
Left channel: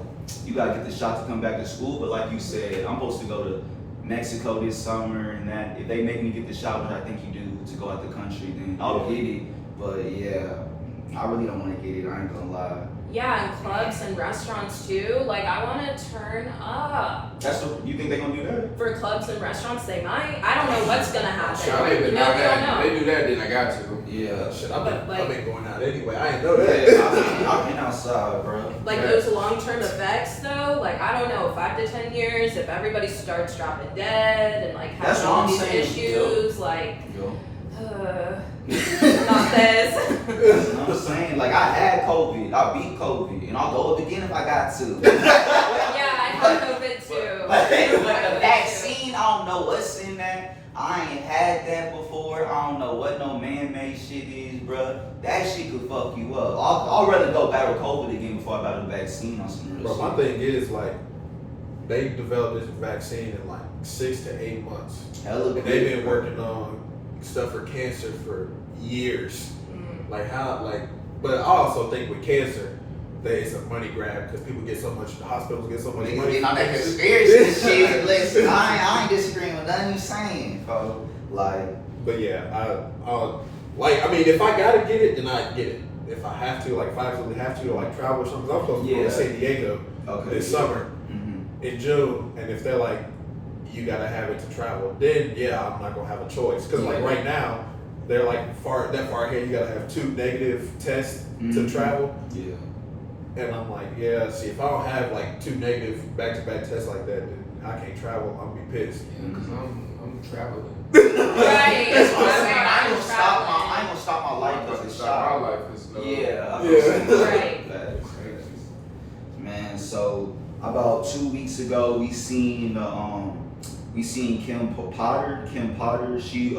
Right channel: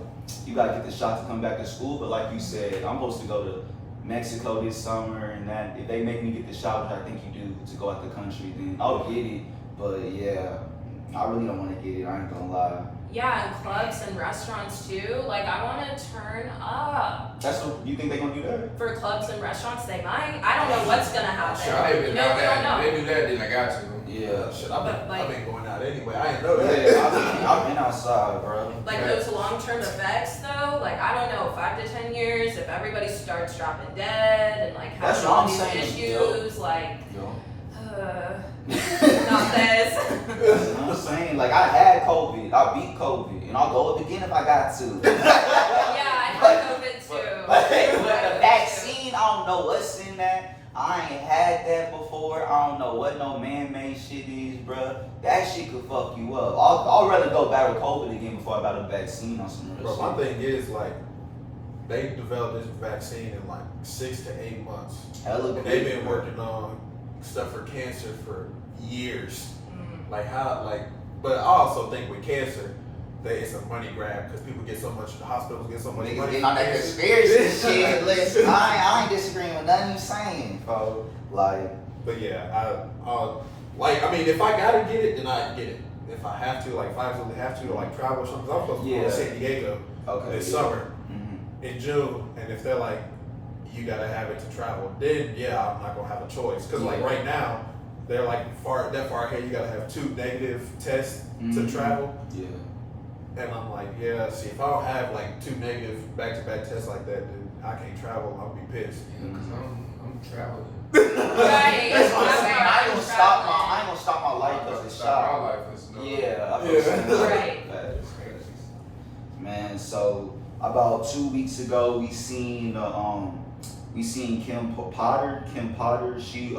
you gotta get the shot to come back to school. But like you said, I'm supposed to go to Mexico this summer, and that if they make me get the shot, which I think you do, to go out the country, then I'll get it. But yeah, I really don't want to get it. I ain't gonna lie. Yeah, and clubs and restaurants too. Like I want to turn up. That's what you think they gonna do that? For clubs and restaurants, they might. I don't know what's gonna happen. They You know, we don't know. They do that, then I got to. Yeah. Shit, But, like- I've been going out anyway. I didn't know that. I've been outside, bro. Like those long-term effects though, like I don't know, 5 to 10 years, if everybody starts dropping dead and like That's having what all I'm these saying, issues, like Yo. Not this. You know what I'm saying? Like, I had COVID. I beat COVID. And I'll go up again if I got to. Yeah, I had COVID too. But the vaccine, I don't know what's in that. I ain't had that before. I don't know what no man-made shit is, bro. That shit could fuck you up. I'll rather go battle COVID again before I battle the vaccine on some real Bro, shit. my thing is, like, they developed this vaccine in like 6 to 8 months. Hella And they've been working on stuff for cancer for years. Like how, like, but I also think with cancer, that it's a money grab because people get so much, the hospitals get so much Niggas money. getting on that conspiracy shit. Listen, I ain't disagreeing with nothing you saying, bro. Like, But yeah, like, I mean, if I gotta get it, then I get it. If I have to, like, if I absolutely have to, like, travel or something, 'cause I'm supposed to go to San Diego this summer in June, and if they're like, you gotta have it to travel, then yeah, I'm not gonna have a choice. Cause like right now, they're like that far ahead, you gotta have 2 negative tests to travel. Yeah. And I'm like, yeah, see, if I don't have like 2 negative back-to-back tests like that, then I can't travel. I'm gonna be pissed. Yeah, because I'm traveling. Right. That's what I'm saying. I ain't gonna Traveling. stop my life because of My shot. life is no. Right. Man, so about 2 weeks ago, we seen Kim Potter. She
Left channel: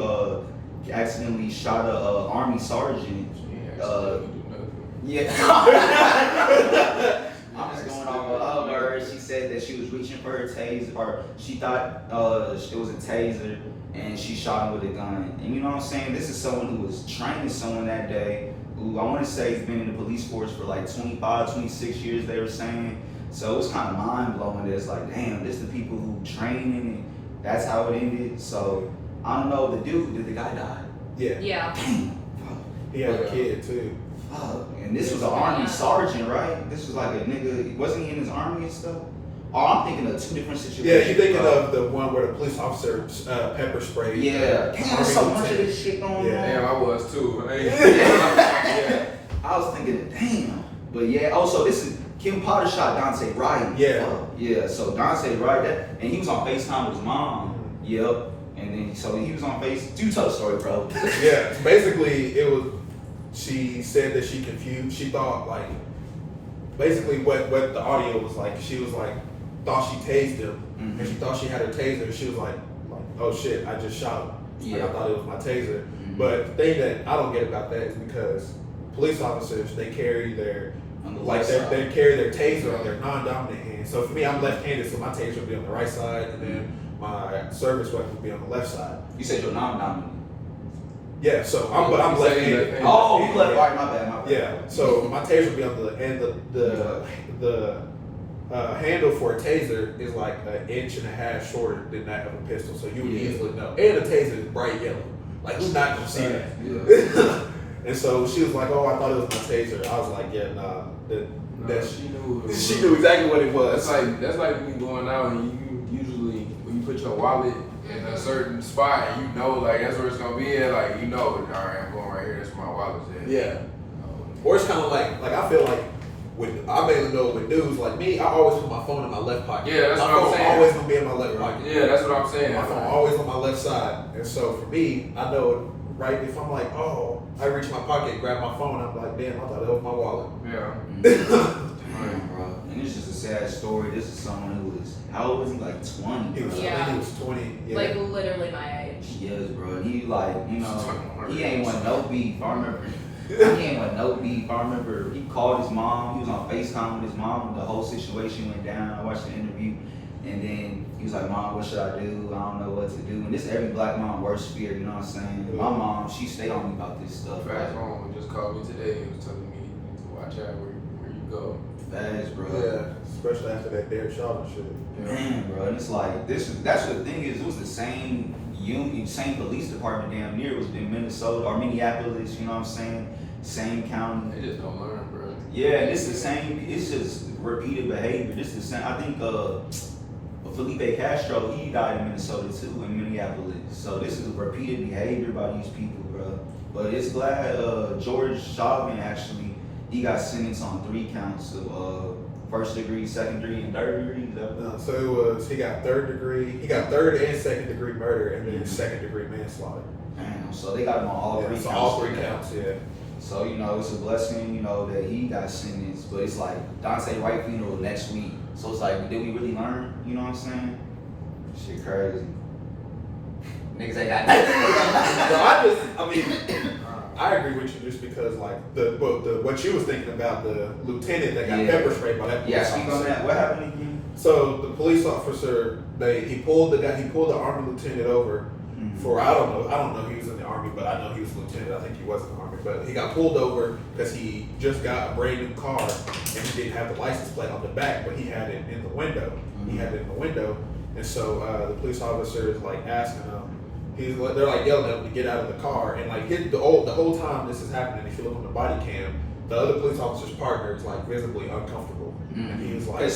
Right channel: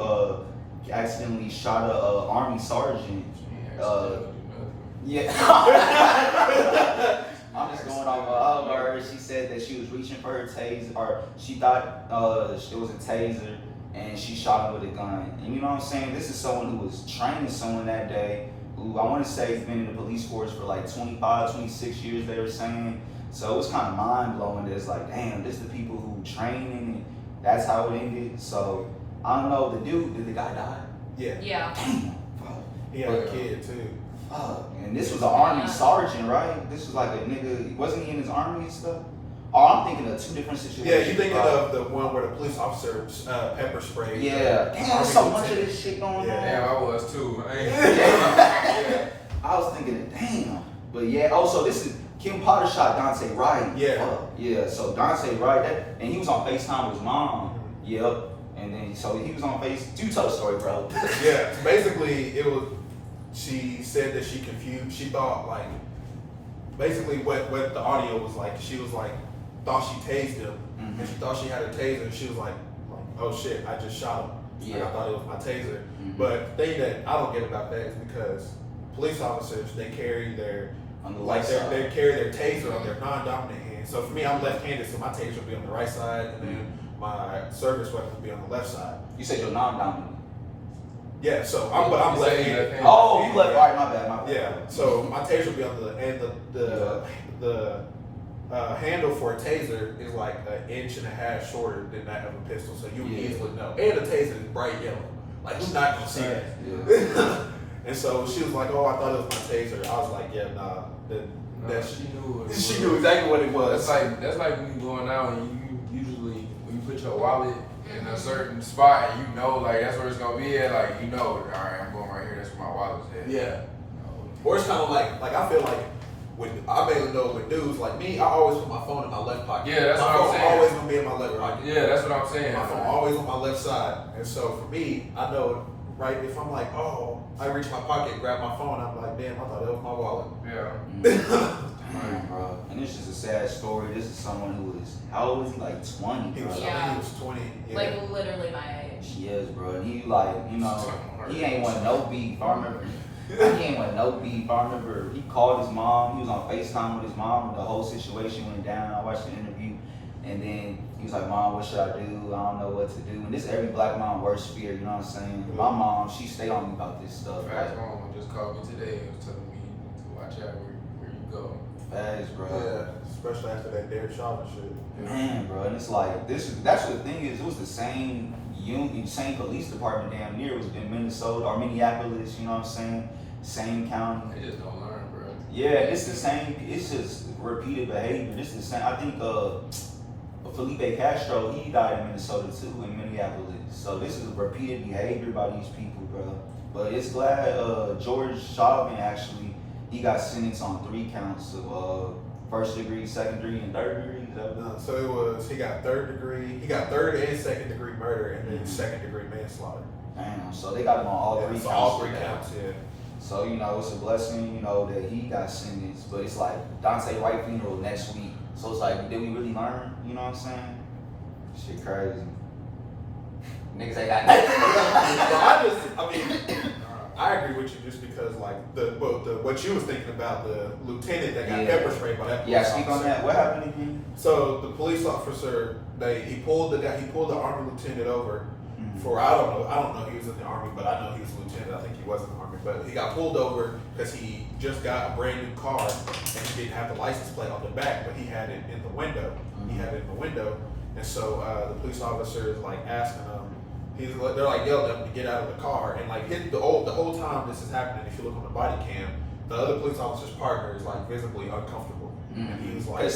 accidentally shot a army sergeant. Yeah. I'm just going off her words. She said that she was reaching for her taser, or she thought it was a taser, and she shot him with a gun. And you know what I'm saying? This is someone who was training someone that day, who I want to say has been in the police force for like 25, 26 years, they were saying. So it was kind of mind-blowing that it's like, damn, this is the people who train, and that's how it ended. So I don't know, did the guy die? Yeah. Yeah. Damn. He had a kid too. Fuck. And this was an army sergeant, right? This was like a nigga, wasn't he in his army and stuff? Oh, I'm thinking of 2 different situations. Yeah, you're thinking of the one where the police officer pepper sprayed. Yeah. Damn, there's so much of this shit going on. Yeah. Damn, I was too. Yeah. I was thinking, damn. But yeah, so this is Kim Potter shot Dante Wright. Yeah. Yeah, so Dante Wright, and he was on FaceTime with his mom. Yep. And then, so he was on you tell the story, bro. Yeah, basically it was, she said that she confused, she thought like, basically what the audio was like, she was like, thought she tased him, and she thought she had a taser, and she was like, oh shit, I just shot him. Yeah. Like, I thought it was my taser. But the thing that I don't get about that is because police officers, they carry their, they carry their taser on their non-dominant hand. So for me, I'm left-handed, so my taser will be on the right side, and then my service weapon will be on the left side. You said you're non-dominant. Yeah, so I'm left-handed. Oh, you left right, my bad. Yeah, so my taser will be on the, and the handle for a taser is like 1.5 inches shorter than that of a pistol, so you would easily know. And the taser is bright yellow. Like, who's not gonna see that? Yeah. And so she was like, oh, I thought it was my taser. I was like, yeah, nah. She knew. She knew exactly what it was. That's like when you going out and you usually when you put your wallet in a certain spot and you know like that's where it's gonna be at, like you know, all right, I'm going right here. That's where my wallet's at. Yeah. Or it's kind of like I feel like when I mainly know with dudes like me, I always put my phone in my left pocket. Yeah, that's my what I'm phone saying. always gonna be in my left pocket. Yeah, that's what I'm saying. My phone always on my left side, and so for me, I know right if I'm like, oh, I reach my pocket, grab my phone, I'm like, damn, I thought that was my wallet. Yeah. Damn, bro. And it's just a sad story. This is someone who was, how old was he? Like 20. He was, I think he was 20. Yeah. Like literally my age. Yes, bro. He like, you know, he ain't want no beef. I remember. He ain't want no beef. I remember he called his mom. He was on FaceTime with his mom when the whole situation went down. I watched the interview. And then he was like, Mom, what should I do? I don't know what to do. And this is every black mom's worst fear, you know what I'm saying? My mom, she stayed on me about this stuff. Fast mom just called me today and was telling me to watch out where you go. Fast, bro. Yeah, especially after that Derek Chauvin shit. Man, bro, and it's like that's what the thing is. It was the same same police department damn near. It was in Minnesota or Minneapolis. You know what I'm saying? Same county. They just don't learn, bro. Yeah, it's the same. It's just repeated behavior. This is the same. I think Felipe Castro, he died in Minnesota too, in Minneapolis. So this is repeated behavior by these people, bro. But it's glad George Chauvin actually he got sentenced on 3 counts of first degree, second degree, and third degree? Is that what So it was, he got third and second degree murder, and then second degree manslaughter. Damn, so they got him on all three counts. So all three counts, yeah. So, you know, it's a blessing, you know, that he got sentenced, but it's like Dante Wright funeral next week. So it's like, did we really learn? You know what I'm saying? Shit crazy. Niggas ain't got nothing. I agree with you just because like what you was thinking about the lieutenant that got pepper sprayed by that police officer. Speak on that. What happened again? So the police officer, he pulled the army lieutenant over for I don't know he was in the army, but I know he was a lieutenant. I think he was in the army, but he got pulled over because he just got a brand new car and he didn't have the license plate on the back, but he had it in the window. He had it in the window, and so the police officer is like asking him. They're like yelling at him to get out of the car, and like the whole time this is happening, if you look on the body cam, the other police officer's partner is like visibly uncomfortable, and he was like, I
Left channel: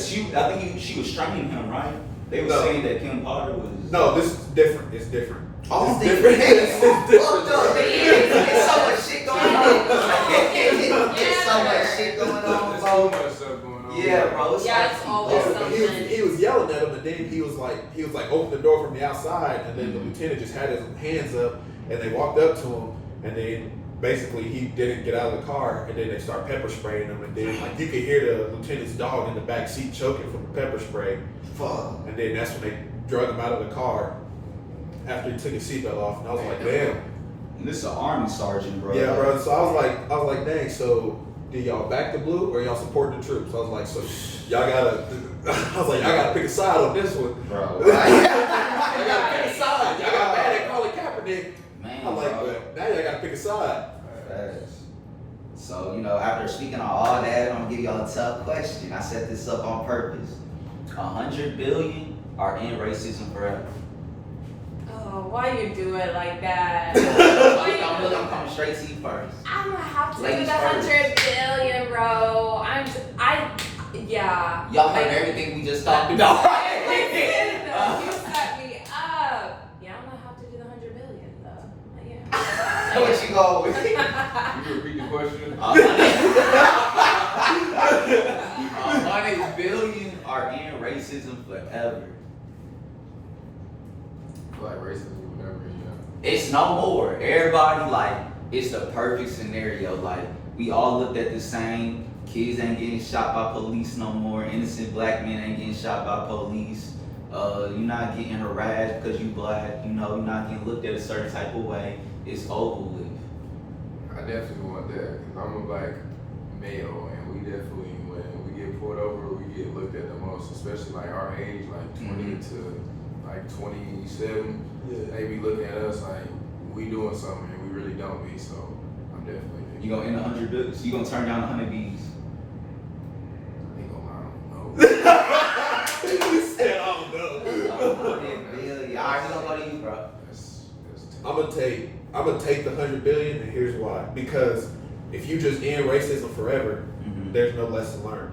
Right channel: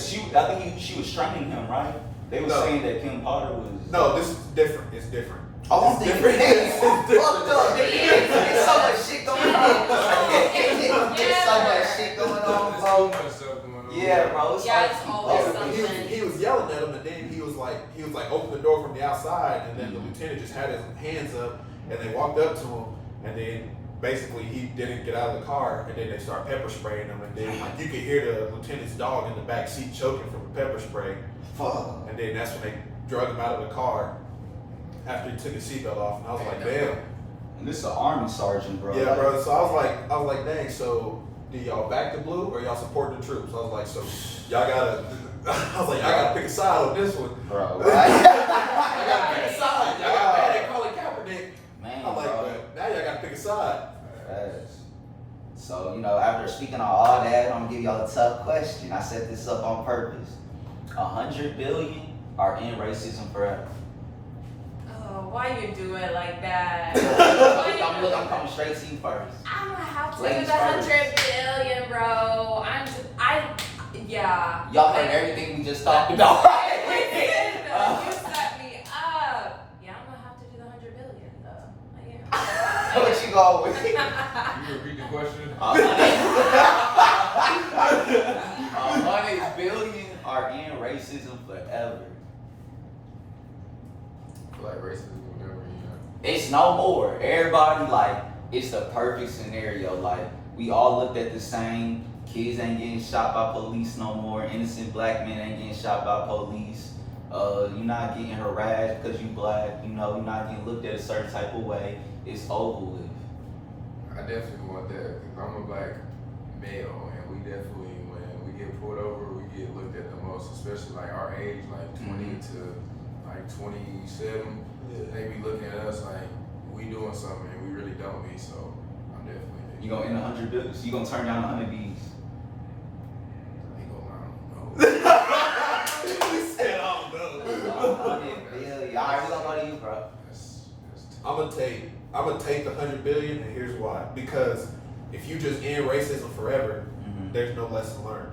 think she was straining him, right? They were saying that Kim Potter was. No, this is different. It's different. Oh, it's different. It's different. There's so much shit going on. There's so much shit going on. There's so much stuff going on. Yeah, bro. It's always something. He was yelling at him, and then he was like, open the door from the outside, and then the lieutenant just had his hands up, and they walked up to him, and then basically he didn't get out of the car, and then they start pepper spraying him, and then like you could hear the lieutenant's dog in the back seat choking from the pepper spray. Fuck. And then that's when they drug him out of the car after he took his seatbelt off, and I was like, damn. And this is an army sergeant, bro. Yeah, bro. So I was like, dang. So do y'all back the blue or y'all support the troops? I was like, so y'all gotta pick a side on this one. Bro. Y'all gotta pick a side. Y'all got mad at Colin Kaepernick. Man, I'm like, but now y'all gotta pick a side. Yes. So, you know, after speaking on all that, I'm gonna give y'all a tough question. I set this up on purpose. 100 billion are in racism forever. Oh, why you do it like that? I'm really come straight to you first. I'm gonna have to do Ladies the 100 billion, bro. Yeah. Y'all heard everything we just talked about. You set me up. Yeah, I'm gonna have to do the 100 billion though. Yeah. What you go with? You repeat the question? 100 billion are in racism forever. I feel like racism will never end. It's no more. Everybody like it's the perfect scenario. Like we all looked at the same. Kids ain't getting shot by police no more. Innocent black men ain't getting shot by police. You're not getting harassed because you black. You know, you're not getting looked at a certain type of way. It's over with. I definitely want that because I'm a black male, and we definitely, when we get pulled over, we get looked at the most, especially like our age, like 20 to like 27. Yeah. They be looking at us like we doing something and we really don't be. So I'm definitely. You gonna end 100 bills? You gonna turn down 100 B's? Ain't gonna lie, I don't know. He said, I don't know. 100 billion. Alright, we gonna go to you, bro. That's I'm gonna take the 100 billion, and here's why. Because if you just end racism forever, there's no lesson learned.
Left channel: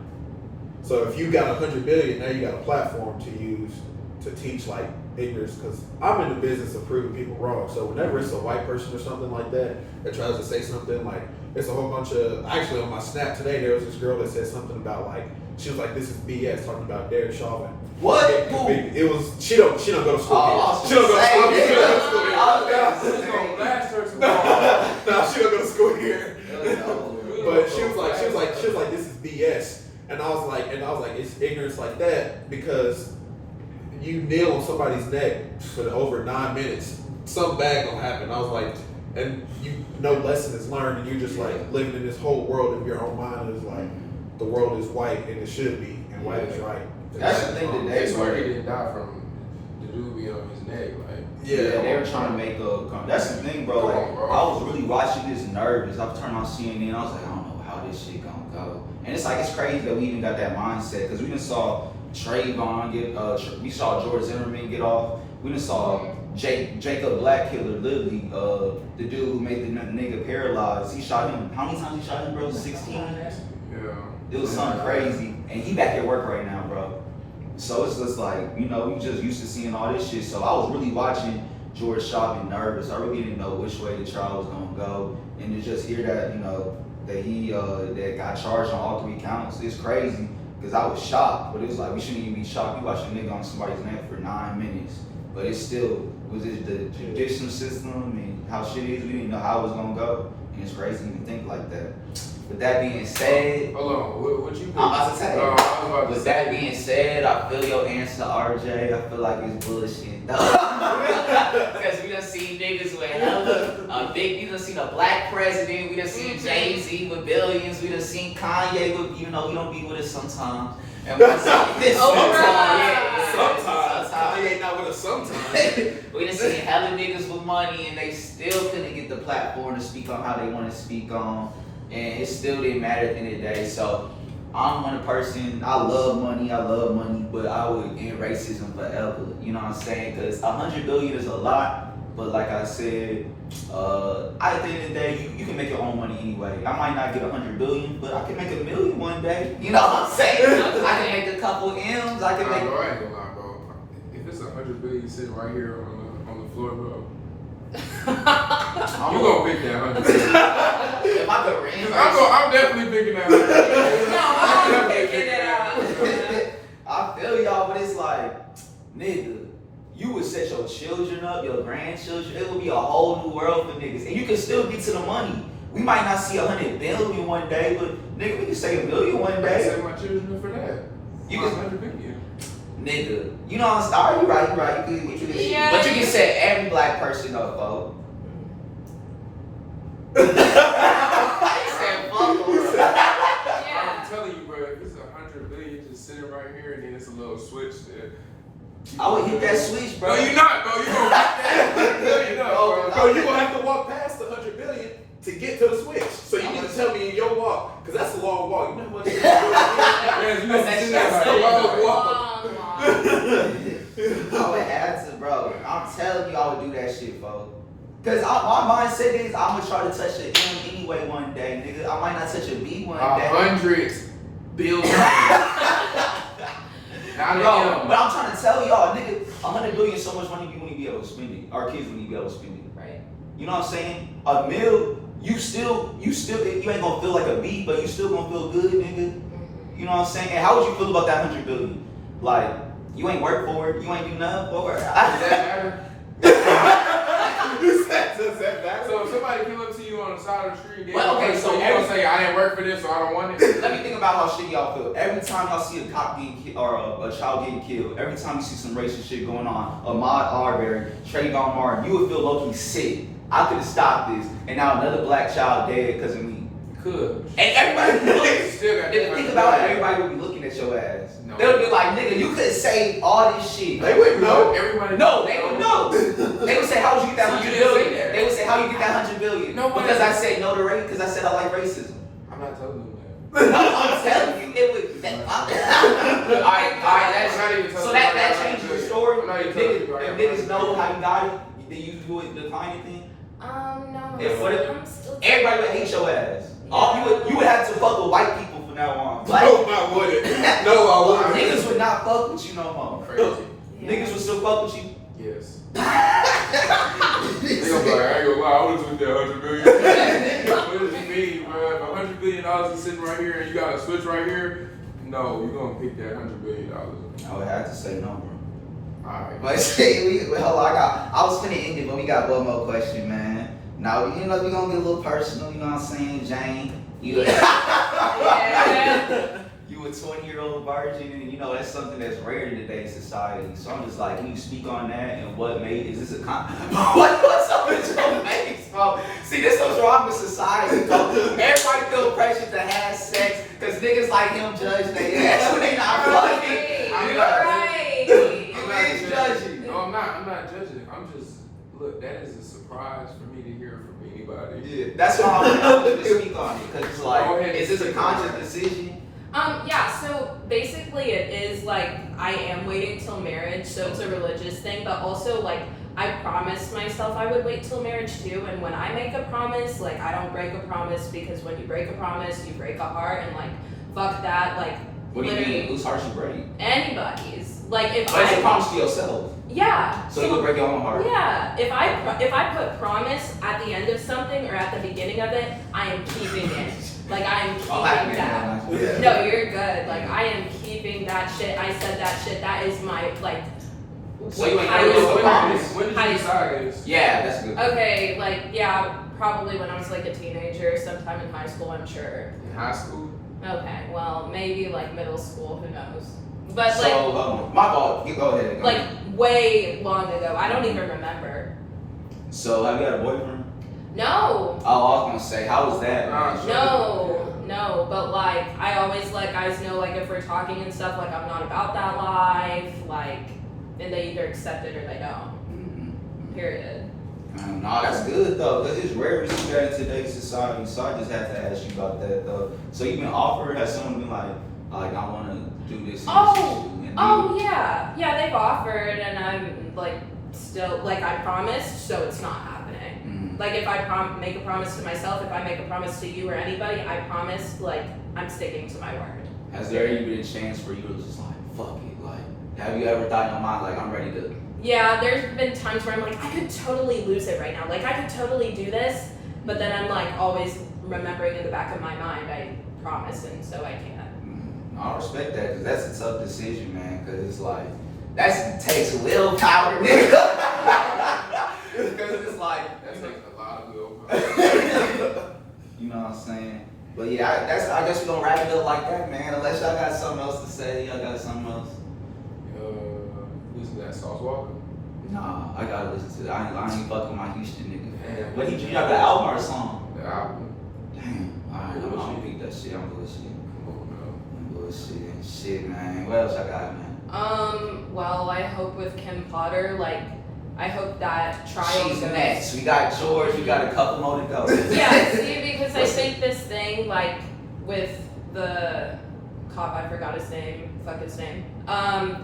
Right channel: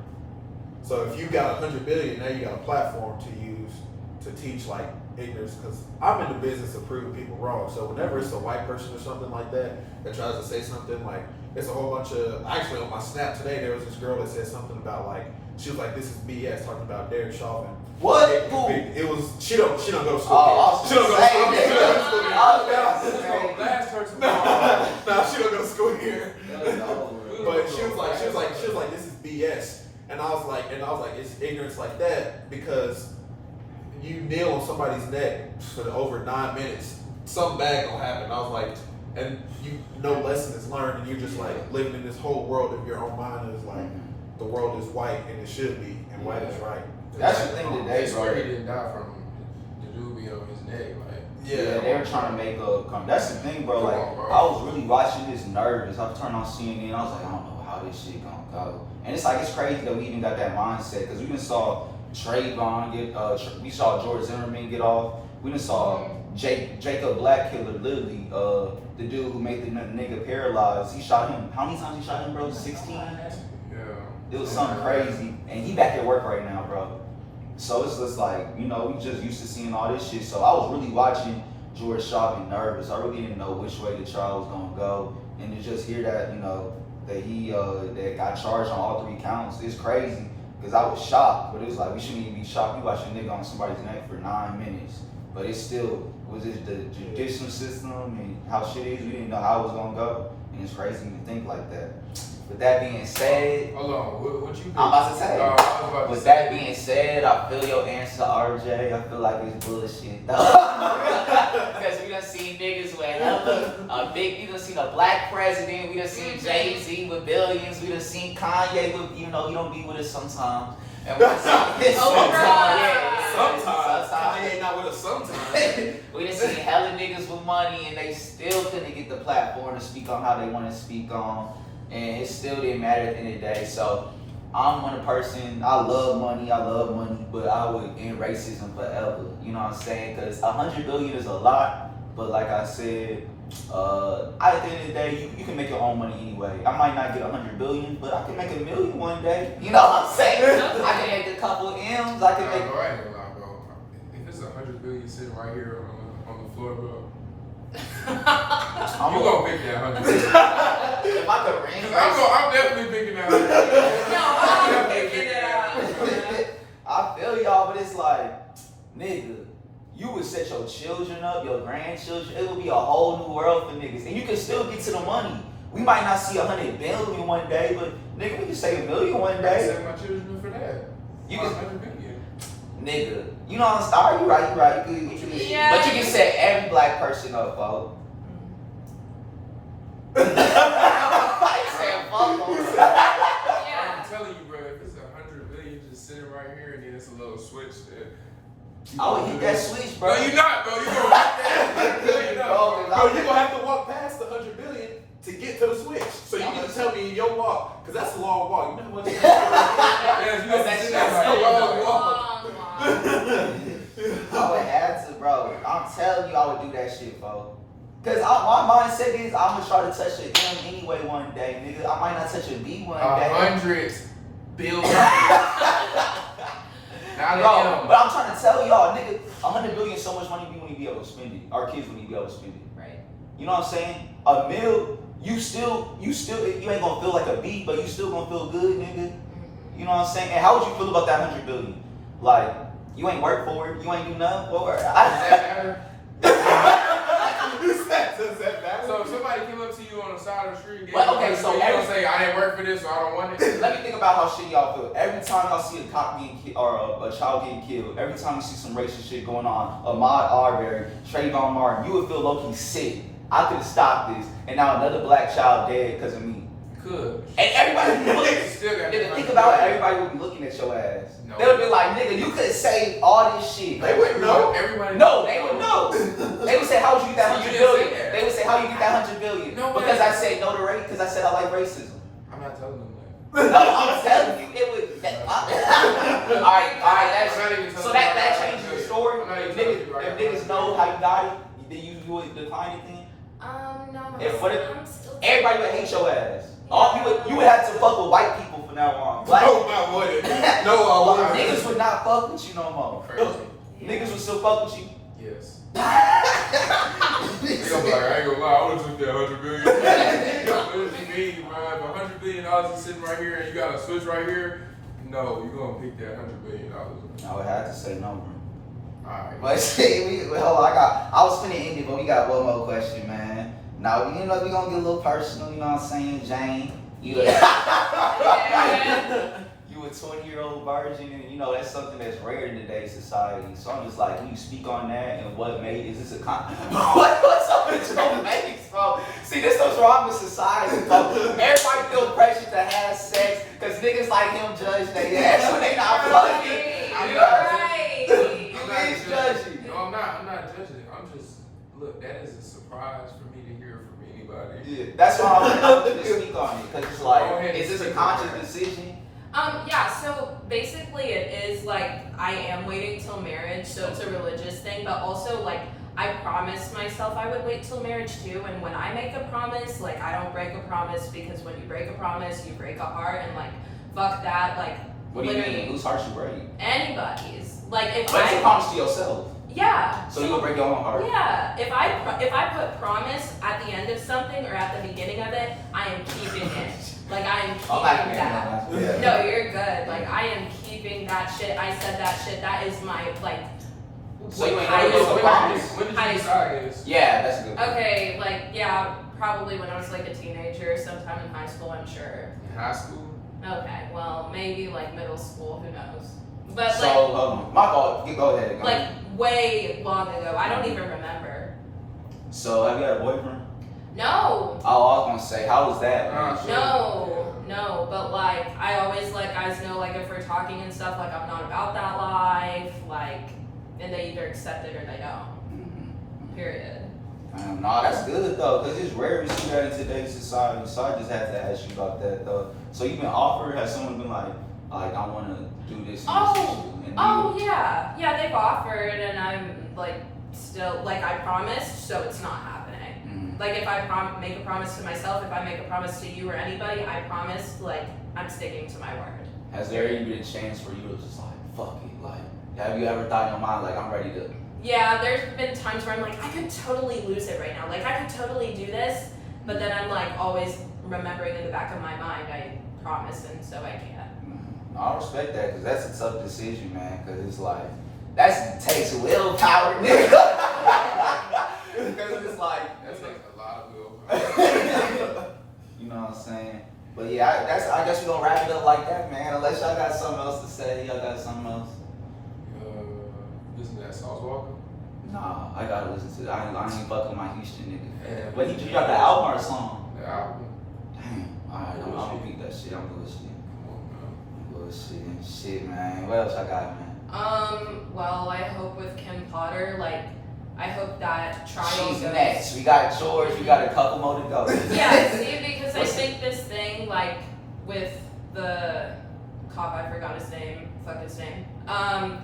So if you got 100 billion, now you got a platform to use to teach like ignorance. Because I'm in the business of proving people wrong. So whenever it's a white person or something like that tries to say something, like it's a whole bunch of. Actually, on my Snap today, there was this girl that said something about like she was like, "This is BS," talking about Derek Chauvin. What? It was she don't go to school. She don't go to school. She don't go to school. It's gonna blast her tomorrow. No, she don't go to school here. But she was like, this is BS. And I was like, it's ignorance like that because you kneel on somebody's neck for over 9 minutes, something bad gonna happen. I was like, and no lesson is learned, and you're just like living in this whole world of your own mind is like the world is white and it should be, and white is right. That's the thing today, That's why bro. he didn't die from the dude being on his neck. Like, Yeah, they were trying to make a come. That's the thing, bro. Like, I was really watching this nervous. I turned on CNN. I was like, I don't know how this shit gonna go. And it's like it's crazy that we even got that mindset because we even saw Trayvon get. We saw George Zimmerman get off. We even saw Jacob Blackkiller, literally, the dude who made the nigga paralyzed. He shot him. How many times he shot him, bro? 16. yeah. It was something crazy, and he back at work right now, bro. So it's just like, you know, we just used to seeing all this shit. So I was really watching George Chauvin nervous. I really didn't know which way the trial was gonna go, and to just hear that, you know, that he that got charged on all 3 counts, it's crazy. Because I was shocked, but it was like, we shouldn't even be shocked. You watch a nigga on somebody's neck for 9 minutes. But it still, was it the judicial system and how shit is, we didn't know how it was gonna go. And it's crazy to think like that. With that being said, hold on, what you think? I'm about to tell you. I was about to With say. that being said, I feel your answer, RJ. I feel like it's bullshit. Because we done seen niggas with hella big. We done seen a black president. We done seen Jay-Z with billions. We done seen Kanye with, you know, he don't be with us sometimes. And we done seen this Sometimes. Kanye not with us sometimes. We done seen hella niggas with money and they still couldn't get the platform to speak on how they want to speak on. And it still didn't matter at the end of the day. So I'm one person, I love money, but I would end racism forever. You know what I'm saying? Because 100 billion is a lot, but like I said, at the end of the day, you can make your own money anyway. I might not get 100 billion, but I can make $1 million one day. You know what I'm saying? I can make a couple M's. I can make. Bro, I ain't gonna lie, bro. If it's 100 billion sitting right here on the floor, bro. You gonna pick that 100 billion. Am I the ring? I'm definitely picking that 100 billion. No, I'm picking it up. I feel y'all, but it's like, nigga, you would set your children up, your grandchildren. It would be a whole new world for niggas, and you can still get to the money. We might not see 100 billion one day, but nigga, we can say $1 million one I day. set my children up for that. You My can, 100 billion. nigga, you know what I'm saying? You right. Yeah. But you can set every black person up, folks. I said, fuck. I'm telling you, bro, if it's 100 billion just sitting right here and then it's a little switch there. I would hit that switch, bro. No, you're not, bro. You gonna hit that 100 billion up, bro. Bro, you gonna have to walk past the 100 billion to get to the switch. So you need to tell me in your walk, because that's a long walk. You know what it is? Yeah, you know, That's that's a a long walk. I would have to, bro. I'm telling you, I would do that shit, folks. Cause my mindset is I'm gonna try to touch an M anyway one day, nigga. I might not touch a B one day. 100 billion. Not Bro, M. but I'm trying to tell y'all, nigga, 100 billion is so much money you wouldn't be able to spend it. Our kids wouldn't be able to spend it. Right. You know what I'm saying? $1 million, you ain't gonna feel like a B, but you still gonna feel good, nigga. You know what I'm saying? And how would you feel about that 100 billion? Like, you ain't work for it, you ain't do nothing for it. Does that matter? Does that matter? So if somebody came up to you on the side of the street and gave Well, you okay, money, so you don't say, I didn't work for this, so I don't want it. Let me think about how shitty y'all feel. Every time y'all see a cop getting killed or a child getting killed, every time you see some racist shit going on, Ahmaud Arbery, Trayvon Martin, you would feel low-key sick. I could have stopped this, and now another black child dead because of me. You could. And everybody would be looking. Still got Nigga, think about it, everybody would be looking at your ass. No. They would be like, nigga, you could have saved all this shit. They wouldn't know. Everybody No, they would know. They would say, how would you get that So 100 you didn't billion? say that. They would say, how you get that 100 billion? No, because why? I said no to race, because I said I like racism. I'm not telling them that. No, I'm telling you, it would. Alright, I'm not even so telling that you changes the story. I'm not even If telling you niggas know how you got it, then you would decline it then? No. If what if I'm still. everybody would hate your ass? All you would have to fuck with white people from now on. Black No, I wouldn't. No, I wouldn't. niggas would not fuck with you no more. Crazy. Niggas would still fuck with you. Yes. They gonna be like, I ain't gonna lie, I would've took that 100 billion. What does it mean, bro? If $100 billion is sitting right here and you got a switch right here, no, you're gonna pick that $100 billion. I would have to say no, bro. Alright. But see, hold on, I was finna end it, but we got one more question, man. Now, we gonna get a little personal, you know what I'm saying, Jane? You a 20-year-old virgin, and you know, that's something that's rare in today's society. So I'm just like, can you speak on that and what made, is this a what's up with your mates, bro? See, this is what's wrong with society, bro. Everybody feel pressure to have sex, because niggas like him judge they ass when they not fucking. I'm not judging. I'm just, look, that is a surprise for me to hear from anybody. Yeah, that's why I want you to speak on it, because it's like, is this a conscious decision? Yeah, so basically it is like I am waiting till marriage, so it's a religious thing, but also like I promised myself I would wait till marriage too, and when I make a promise, like I don't break a promise, because when you break a promise, you break a heart, and like fuck that, like What do you literally mean? Whose heart you break? anybody's. Like if But it's a I promise to yourself. Yeah. So you would break your own heart? Yeah. If I put promise at the end of something or at the beginning of it, I am keeping it. Like I am keeping that. Yeah. No, you're good. Like I am keeping that shit. I said that shit. That is my like. So you highest- when did you highest- decide this? Yeah, that's good. Okay, like yeah, probably when I was like a teenager, sometime in high school, I'm sure. In high school? Okay, well maybe like middle school, who knows? But So, like my fault. You go ahead. like way long ago, I don't even remember. So have you had a boyfriend? No, Oh, I was gonna say, how was that? man? no, but like I always let guys know like if we're talking and stuff, like I'm not about that life, like, and they either accept it or they don't. Mhm. Period. Nah, that's good though, because it's rare to see that in today's society. So I just had to ask you about that though. So you've been offered? Has someone been like I want to do this? And Oh yeah, they've offered, and I'm like still like I promised, so it's not happening. Mhm. Like if I make a promise to myself, if I make a promise to you or anybody, I promise like I'm sticking to my word. Has there ever been a chance where you were just like, fuck it, like, have you ever thought in your mind like I'm ready to? Yeah, there's been times where I'm like I could totally lose it right now, like I could totally do this, but then I'm like always remembering in the back of my mind I promise, and so I can't. I respect that because that's a tough decision, man. Because it's like that takes willpower, nigga. Because it's like That takes a lot of willpower. you know what I'm saying. But yeah, I guess we gonna wrap it up like that, man. Unless y'all got something else to say, y'all got something else. Listen to that Sauce Walker. Nah, I gotta listen to that. I ain't fucking with my Houston nigga. Damn. But he dropped the album or a song. The album. Damn. Alright, I'm gonna beat that shit. I'm good shit. Come on, bro. I'm good shit, man. What else I got, man? Well, I hope with Kim Potter, like, I hope that trial She's goes. next. We got George. We got a couple more to go. Yeah, see, because I think this thing, like, with the cop, I forgot his name, fuck his name, him,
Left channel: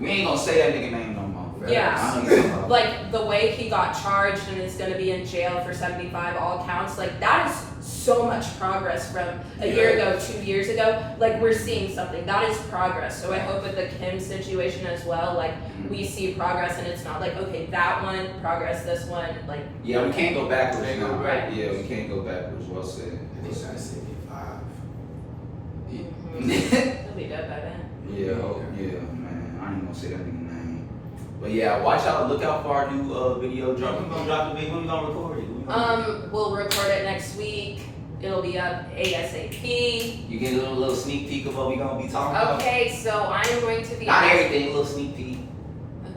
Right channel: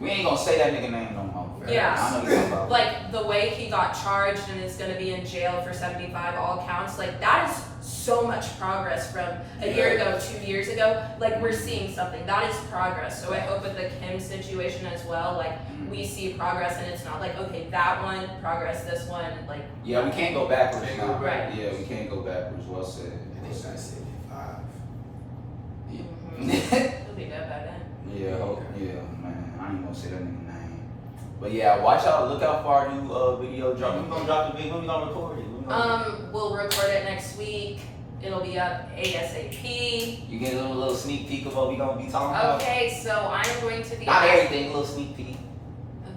We ain't gonna say that nigga name no more. Yeah. like, the way he got charged and is gonna be in jail for 75 all counts, like, that is so much progress from a year ago, 2 years ago. Like, we're seeing something. That is progress. So I hope with the Kim situation as well, like, we see progress and it's not like, okay, that one, progress, this one, like. Yeah, we can't go backwards. Can't go now. back. Yeah, we can't go backwards. Well said. They said 75. He'll be dead by then. Yeah, man. I ain't gonna say that nigga name. But yeah, watch out. Look out for our new video drop. When we gonna drop the video? When we gonna record it? We'll record it next week. It'll be up ASAP. You get a little sneak peek of what we gonna be talking about. Okay, so I'm going to be Not everything. A little sneak peek.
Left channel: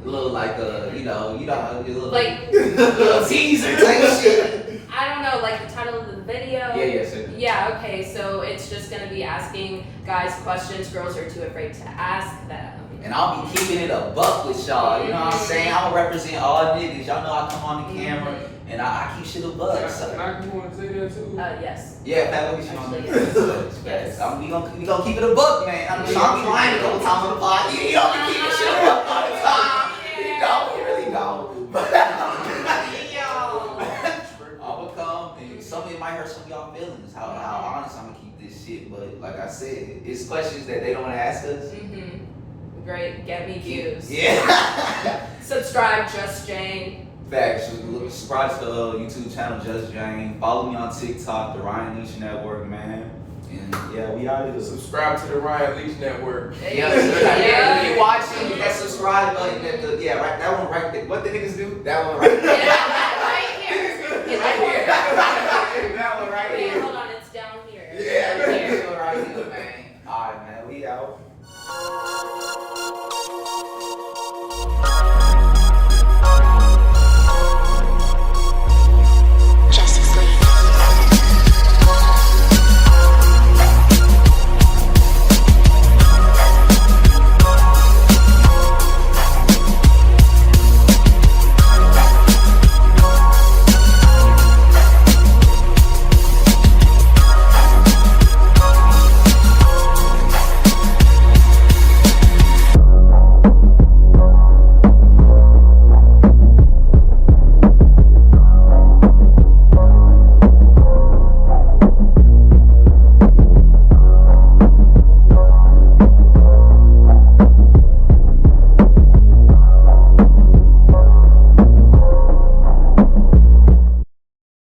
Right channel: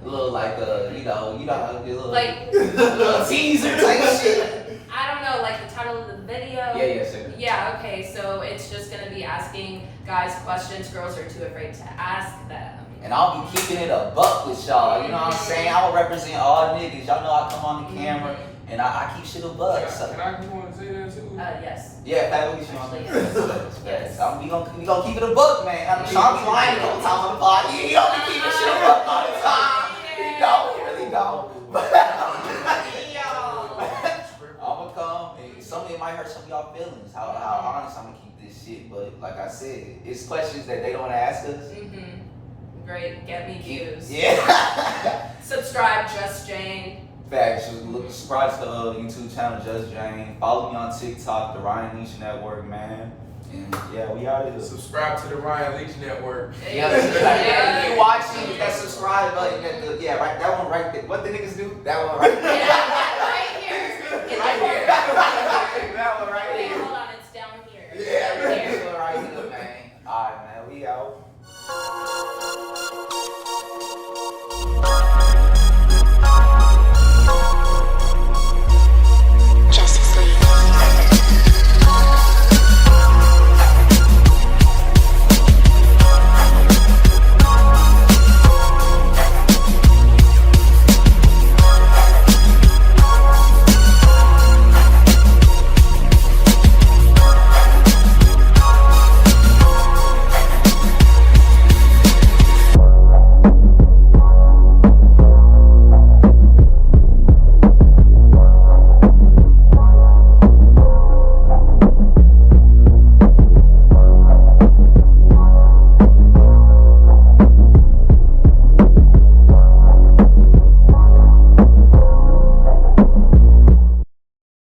A little like you know, a little like little teaser type shit. I don't know, like the title of the video. Yeah, sir. Yeah, okay, so it's just gonna be asking guys questions girls are too afraid to ask them. And I'll be keeping it a buck with y'all. You know what I'm saying? I'll represent all niggas. Y'all know I come on the camera and I keep shit a buck. Can I come on and say that too? Yes. Yeah, Pat, let me see on Actually, the yes. We gonna keep it a buck, man. I'm trying to be lying a couple times on the pod. You don't be keeping shit a buck all the time. You really don't. But I'ma come and some of it might hurt some of y'all feelings. How honest I'm gonna keep this shit. But like I said, it's questions that they don't ask us. Great, get me views. Yeah. Subscribe, JustJane. Facts. Subscribe to the YouTube channel, JustJane. Follow me on TikTok, the Ryan Leach Network, man. And yeah, we out here. Subscribe to the Ryan Leach Network. Yeah, if you watching, that subscribe button, right, that one right there. What the niggas do? That one right there. Yeah.